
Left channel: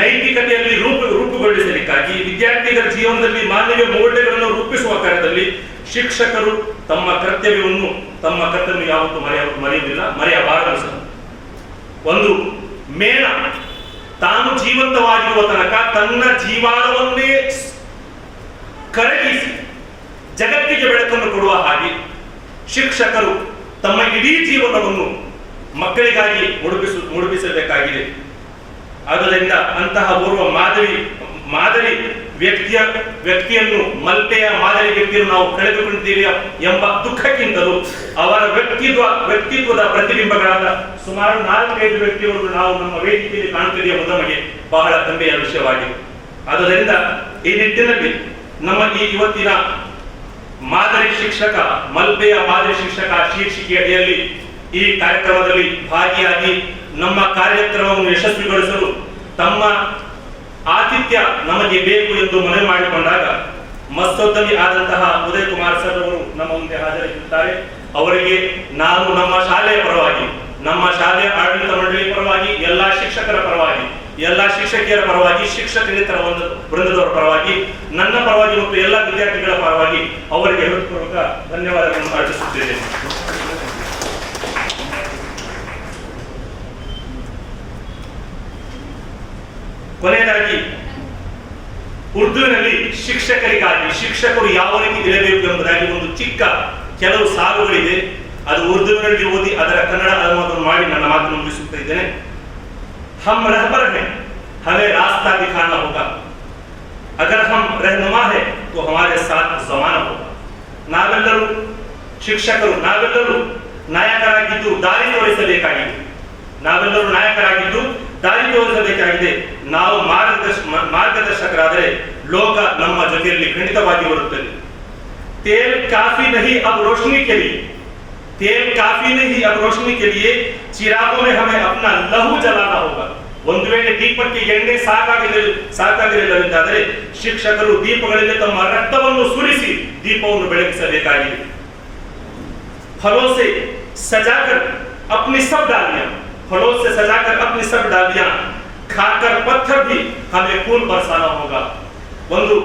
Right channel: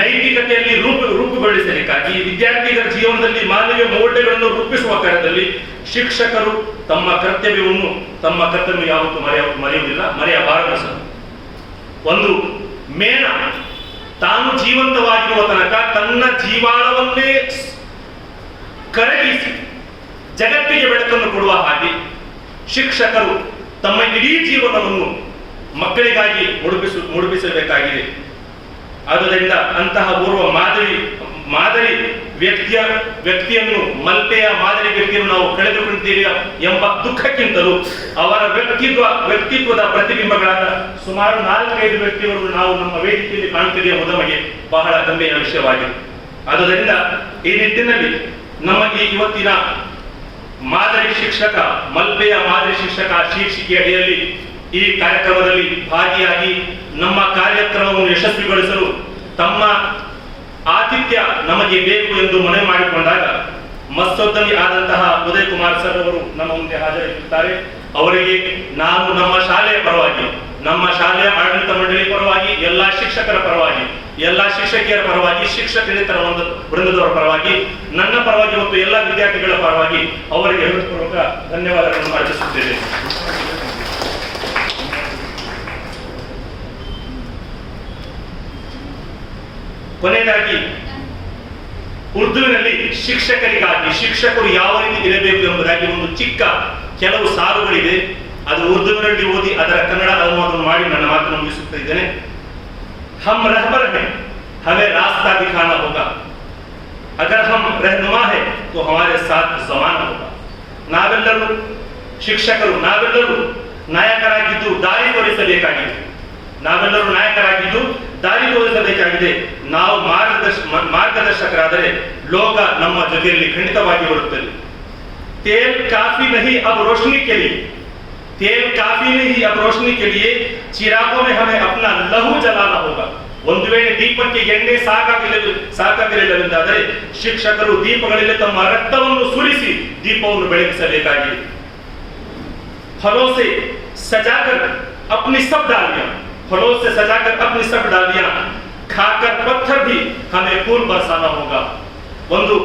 ನೈತಿಕತೆಯಲ್ಲಿ ರೂಪುಗೊಳಿಸಲಿಕ್ಕಾಗಿ, ವಿದ್ಯಾರ್ಥಿಗಳ ಜೀವನದಲ್ಲಿ ಮಾನವೀಯ ಮೌಲ್ಯಗಳನ್ನು ರೂಪಿಸುವ ಕಾರ್ಯದಲ್ಲಿ ಶಿಕ್ಷಕರು ತಮ್ಮ ಕರ್ತವ್ಯ ಯಾವತ್ತೂ ಮರೆಯುವುದಿಲ್ಲ, ಮರೆಯಬಾರದು ಸಹ. ಒಂದು ಮೇಣ ತಾನು ಜೀವಂತವಾಗಿರುವ ತನಕ ತನ್ನ ಜೀವಾಳವನ್ನೇ ಕರಗಿಸಿ ಜಗತ್ತಿಗೆ ಬೆಳಕನ್ನು ಕೊಡುವ ಹಾಗೆ ಶಿಕ್ಷಕರು ತಮ್ಮ ಇಡೀ ಜೀವನವನ್ನು ಮಕ್ಕಳಿಗಾಗಿ ಮುಡುಪಿಸಬೇಕಾಗಿದೆ. ಆದ್ದರಿಂದ ಅಂತಹ ಓರ್ವ ಮಾದರಿ ವ್ಯಕ್ತಿಯನ್ನು, ಮಲ್ಪೆಯ ಮಾದರಿ ವ್ಯಕ್ತಿಯನ್ನು ನಾವು ಕಳೆದುಕೊಂಡಿದ್ದೀರಿ ಎಂಬ ದುಃಖಕ್ಕಿಂತಲೂ ಅವರ ವ್ಯಕ್ತಿತ್ವದ ಪ್ರತಿಬಿಂಬಗಳಾದ ಸುಮಾರು 4-5 ವ್ಯಕ್ತಿಗಳು ನಾವು ನಮ್ಮ ವೇದಿಕೆಯಲ್ಲಿ ಕಾಣುತ್ತಿರುವ ನಮಗೆ ಬಹಳ ಹೆಮ್ಮೆಯ ವಿಷಯವಾಗಿದೆ. ಆದ್ದರಿಂದ ಈ ನಿಟ್ಟಿನಲ್ಲಿ ನಮ್ಮ ಈ ಇವತ್ತಿನ ಮಾದರಿ ಶಿಕ್ಷಕ, ಮಲ್ಪೆಯ ಮಾದರಿ ಶಿಕ್ಷಕ ಶೀರ್ಷಿಕೆ ಅಡಿಯಲ್ಲಿ ಈ ಕಾರ್ಯಕ್ರಮದಲ್ಲಿ ಭಾಗಿಯಾಗಿ ನಮ್ಮ ಕಾರ್ಯಕ್ರಮವನ್ನು ಯಶಸ್ವಿಗೊಳಿಸಲು ತಮ್ಮ ಆತಿಥ್ಯ ನಮಗೆ ಬೇಕು ಎಂದು ಮನವಿ ಮಾಡಿಕೊಂಡಾಗ ಮಸ್ತೋದ್ಯಮಿ ಆದಂತಹ ಉದಯ್ ಕುಮಾರ್ ಸರ್ ಅವರು ನಮ್ಮ ಮುಂದೆ ಹಾಜರಾಗಿರುತ್ತಾರೆ. ಅವರಿಗೆ ನಾನು ನಮ್ಮ ಶಾಲೆಯ ಪರವಾಗಿ, ನಮ್ಮ ಶಾಲೆಯ ಆಡಳಿತ ಮಂಡಳಿ ಪರವಾಗಿ, ಎಲ್ಲಾ ಶಿಕ್ಷಕರ ಪರವಾಗಿ, ಎಲ್ಲಾ ಶಿಕ್ಷಕಿಯರ ಪರವಾಗಿ, ಶಿಕ್ಷಕೇತರ ವೃಂದದವರ ಪರವಾಗಿ, ನನ್ನ ಪರವಾಗಿ ಮತ್ತು ಎಲ್ಲಾ ವಿದ್ಯಾರ್ಥಿಗಳ ಪರವಾಗಿ ಅವರಿಗೆ ಹೃತ್ಪೂರ್ವಕ ಧನ್ಯವಾದಗಳನ್ನು ಅರ್ಪಿಸುತ್ತೇನೆ. ಕೊನೆಯದಾಗಿ ಉರ್ದುವಿನಲ್ಲಿ ಶಿಕ್ಷಕರಿಗಾಗಿ ಶಿಕ್ಷಕರು ಯಾವ ರೀತಿ ಇರಬೇಕು ಎಂಬುದಾಗಿ ಒಂದು ಚಿಕ್ಕ ಕೆಲವು ಸಾಲುಗಳಿದೆ. ಅದು ಉರ್ದುವಿನಲ್ಲಿ ಓದಿ ಅದರ ಕನ್ನಡ ಅನುವಾದ ಮಾಡಿ ನನ್ನ ಮಾತನ್ನು ಮುಗಿಸುತ್ತಾ ಇದ್ದೇನೆ. हम रहबर हैं, हमें रास्ता दिखाना होगा. अगर हम रहनुमा है तो हमारे साथ जमाना होगा. ನಾವೆಲ್ಲರೂ ಶಿಕ್ಷಕರು, ನಾವೆಲ್ಲರೂ ನಾಯಕರಾಗಿದ್ದು ದಾರಿ ತೋರಿಸಬೇಕಾಗಿದೆ. ನಾವೆಲ್ಲರೂ ನಾಯಕರಾಗಿದ್ದು ದಾರಿ ತೋರಿಸಬೇಕಾಗಿದೆ. ನಾವು ಮಾರ್ಗದರ್ಶಕರಾದರೆ ಲೋಕ ನಮ್ಮ ಜೊತೆಯಲ್ಲಿ ಖಂಡಿತವಾಗಿ ಬರುತ್ತದೆ. तेल काफी नहीं अब रोशनी के लिए, तेल काफी नहीं अब रोशनी के लिए चिरागों में हमें अपना लहू जलाना होगा. ಒಂದು ವೇಳೆ ದೀಪಕ್ಕೆ ಎಣ್ಣೆ ಸಾಕಾಗಿರಲಿಲ್ಲವೆಂದಾದರೆ ಶಿಕ್ಷಕರು ದೀಪಗಳಲ್ಲಿ ತಮ್ಮ ರಕ್ತವನ್ನು ಸುರಿಸಿ ದೀಪವನ್ನು ಬೆಳಗಿಸಬೇಕಾಗಿದೆ. फलों से सजाकर अपनी सब डालियां, फलों से सजाकर अपनी सब डालियां, खाकर पत्थर भी हमें खून बरसाना होगा. ಒಂದು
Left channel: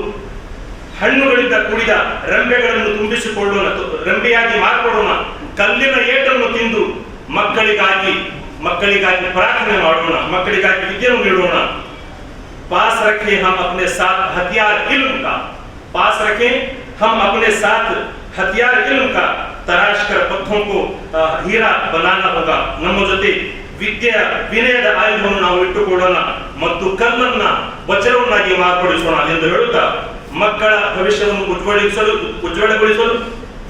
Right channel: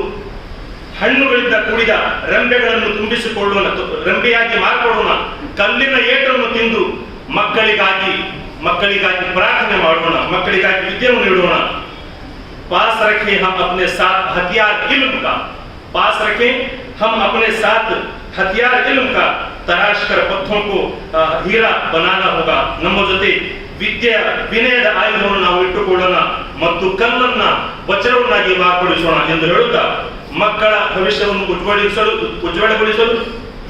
ಹಣ್ಣುಗಳಿಂದ ಕೂಡಿದ ರೆಂಬೆಗಳನ್ನು ತುಂಬಿಸಿಕೊಳ್ಳೋಣ, ರೆಂಬೆಯಾಗಿ ಮಾರ್ಪಡೋಣ. ಕಲ್ಲಿನ ಏಟನ್ನು ತಿಂದು ಮಕ್ಕಳಿಗಾಗಿ ಪ್ರಾರ್ಥನೆ ಮಾಡೋಣ, ಮಕ್ಕಳಿಗಾಗಿ ವಿದ್ಯೆಯನ್ನು ನೀಡೋಣ. पास रखें हम अपने साथ हथियार इल्म का, पास रखें हम अपने साथ हथियार इल्म का, तराश कर पत्थों को हीरा बनाना होगा. ನಮ್ಮ ಜೊತೆ ವಿನಯದ ಆಯುಧವನ್ನು ನಾವು ಇಟ್ಟುಕೊಳ್ಳೋಣ ಮತ್ತು ಕಲ್ಲನ್ನ ವಜ್ರವನ್ನಾಗಿ ಮಾರ್ಪಡಿಸೋಣ ಎಂದು ಹೇಳುತ್ತಾ, ಮಕ್ಕಳ ಭವಿಷ್ಯವನ್ನು ಉಜ್ವಲಗೊಳಿಸಲು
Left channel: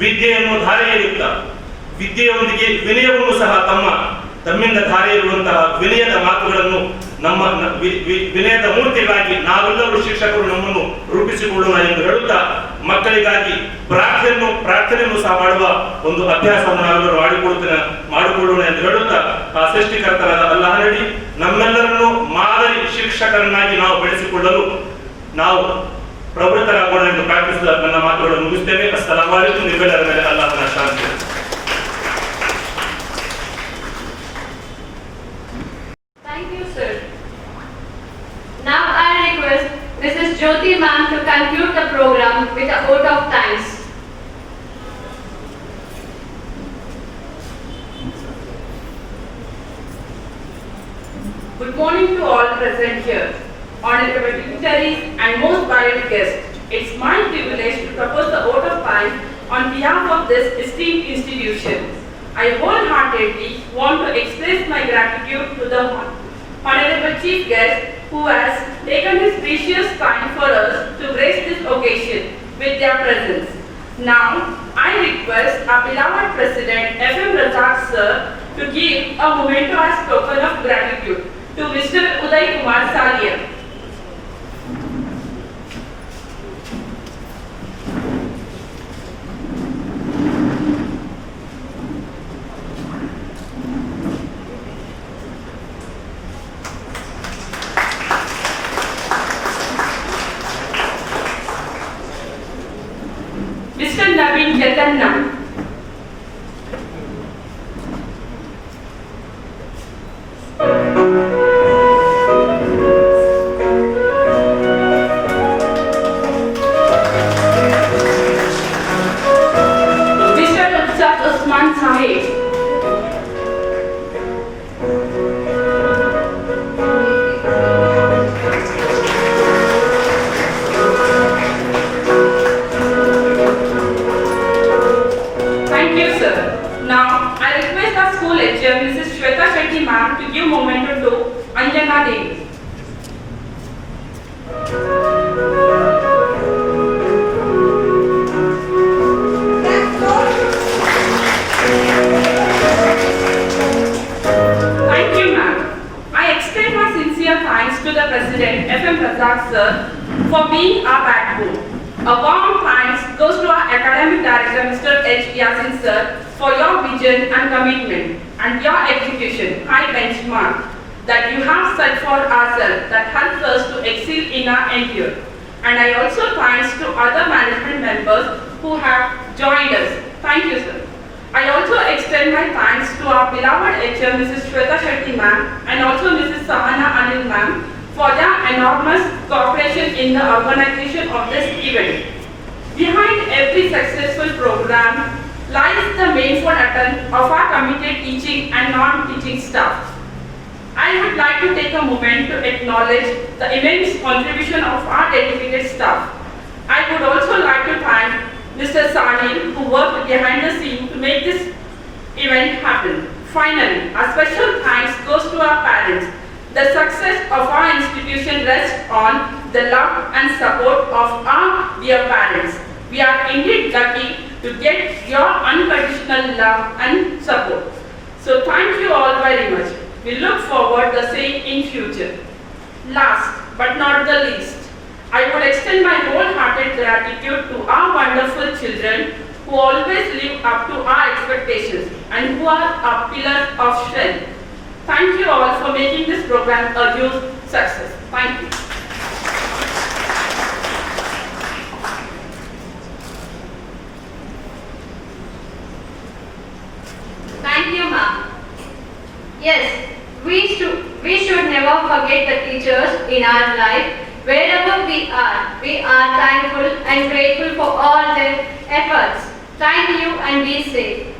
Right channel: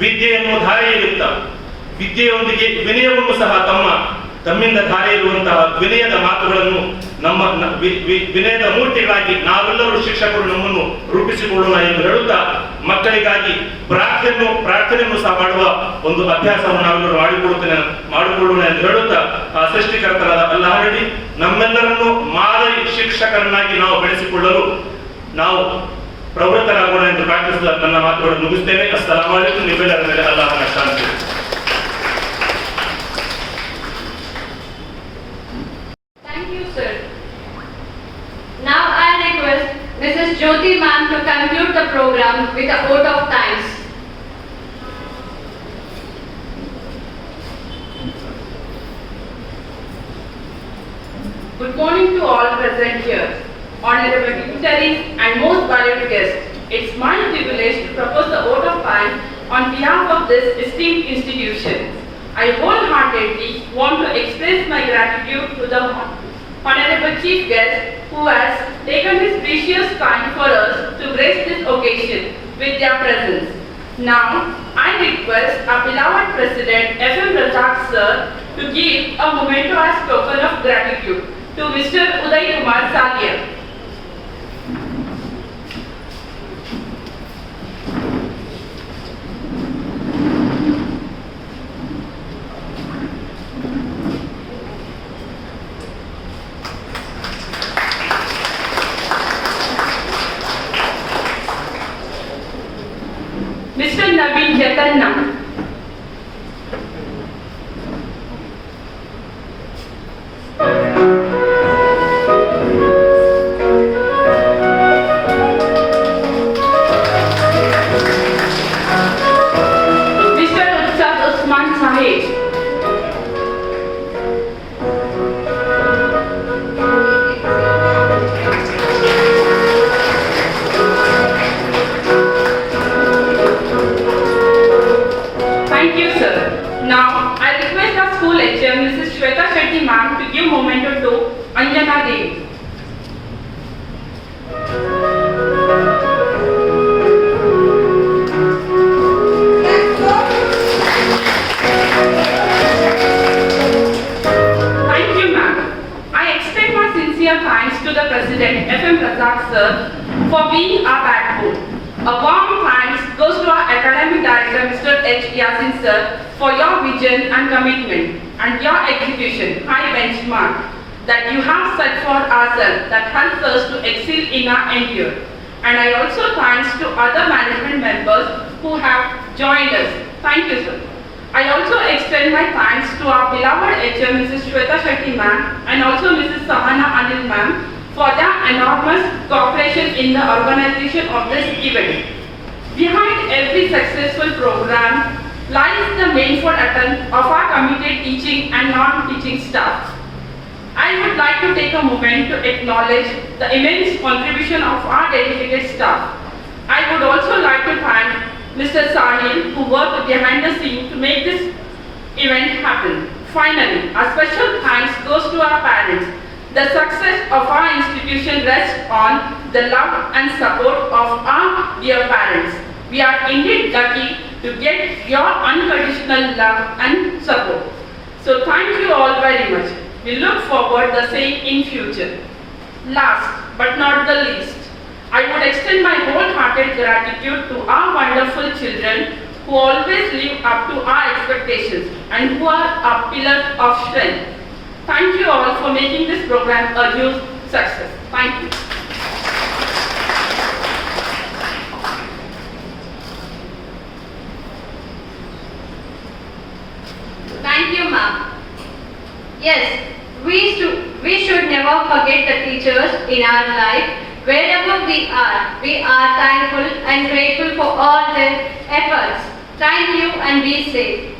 ವಿದ್ಯೆಯನ್ನು ಧಾರೆ ಎರೆಯುತ್ತಾ, ವಿದ್ಯೆಯೊಂದಿಗೆ ವಿನಯವನ್ನು ಸಹ ತಮ್ಮಿಂದ ಧಾರೆ ಇರುವಂತಹ ವಿನಯದ ಮಾತುಗಳನ್ನು ವಿನಯದ ಮೂರ್ತಿಗಳಾಗಿ ನಾವೆಲ್ಲರೂ ಶಿಕ್ಷಕರು ನಮ್ಮನ್ನು ರೂಪಿಸಿಕೊಳ್ಳೋಣ ಎಂದು ಹೇಳುತ್ತಾ, ಮಕ್ಕಳಿಗಾಗಿ ಪ್ರಾರ್ಥನೆಯನ್ನು ಸಹ ಮಾಡುವ ಒಂದು ಅಭ್ಯಾಸವನ್ನು ನಾವೆಲ್ಲರೂ ಮಾಡಿಕೊಳ್ಳೋಣ ಎಂದು ಹೇಳುತ್ತಾ, ಆ ಸೃಷ್ಟಿಕರ್ತರಾದ ಅಲ್ಲಾಹನಲ್ಲಿ ನಮ್ಮೆಲ್ಲರನ್ನು ಮಾದರಿ ಶಿಕ್ಷಕರನ್ನಾಗಿ ನಾವು ಬೆಳೆಸಿಕೊಳ್ಳಲು ನಾವು ಪ್ರವೃತ್ತರಾಗೋಣ ಎಂದು ಪ್ರಾರ್ಥಿಸಿದ ನನ್ನ ಮಾತುಗಳನ್ನು ಮುಗಿಸ್ತೇನೆ. ಅಸ್ಸಲಾಮು ಅಲೈಕುಂ. ನಿಮ್ಮೆಲ್ಲರ ಮೇಲೆ ಅಲ್ಲಾಹನ ಶಾಂತಿ. Thank you, sir. Now I request Mrs. Jyoti ma'am to conclude the program with a vote of thanks. Good morning to all present here, honorable dignitaries and most valued guests. It's my privilege to propose the vote of thanks on behalf of this esteemed institution. I wholeheartedly want to express my gratitude to the honorable chief guest who has taken his precious time for us to grace this occasion with their presence. Now, I request our beloved President F.M. Razak sir to give a memento as token of gratitude to Mr. Uday Kumar Salia. Mr. Naveen Jatanna. Mr. Rajat Usman Sahib. Thank you, sir. Now, I request our school HM, Mrs. Shweta Shetty ma'am, to give memento to Anjana Devi. Thank you, ma'am. I extend my sincere thanks to the President F.M. Razak sir for being our backbone. A warm thanks goes to our academic director Mr. H. Yasin sir for your vision and commitment and your execution high benchmark that you have set for ourselves that helps us to excel in our endeavor. And I also thanks to other management members who have joined us. Thank you, sir. I also extend my thanks to our beloved HM Mrs. Shweta Shetty ma'am and also Mrs. Sahana Anil ma'am for their enormous cooperation in the organization of this event. Behind every successful program lies the manful attempt of our committed teaching and non-teaching staff. I would like to take a moment to acknowledge the immense contribution of our dedicated staff. I would also like to thank Mr. Sahil, who worked behind the scene to make this event happen. Finally, a special thanks goes to our parents. The success of our institution rests on the love and support of our dear parents. We are indeed lucky to get your unconditional love and support. So thank you all very much. We look forward the same in future. Last but not the least, I would extend my wholehearted gratitude to our wonderful children who always live up to our expectations and who are our pillars of strength. Thank you all for making this program a huge success. Thank you. Thank you, ma'am. Yes, we should never forget the teachers in our life. Wherever we are thankful and grateful for all their efforts. Thank you and be safe.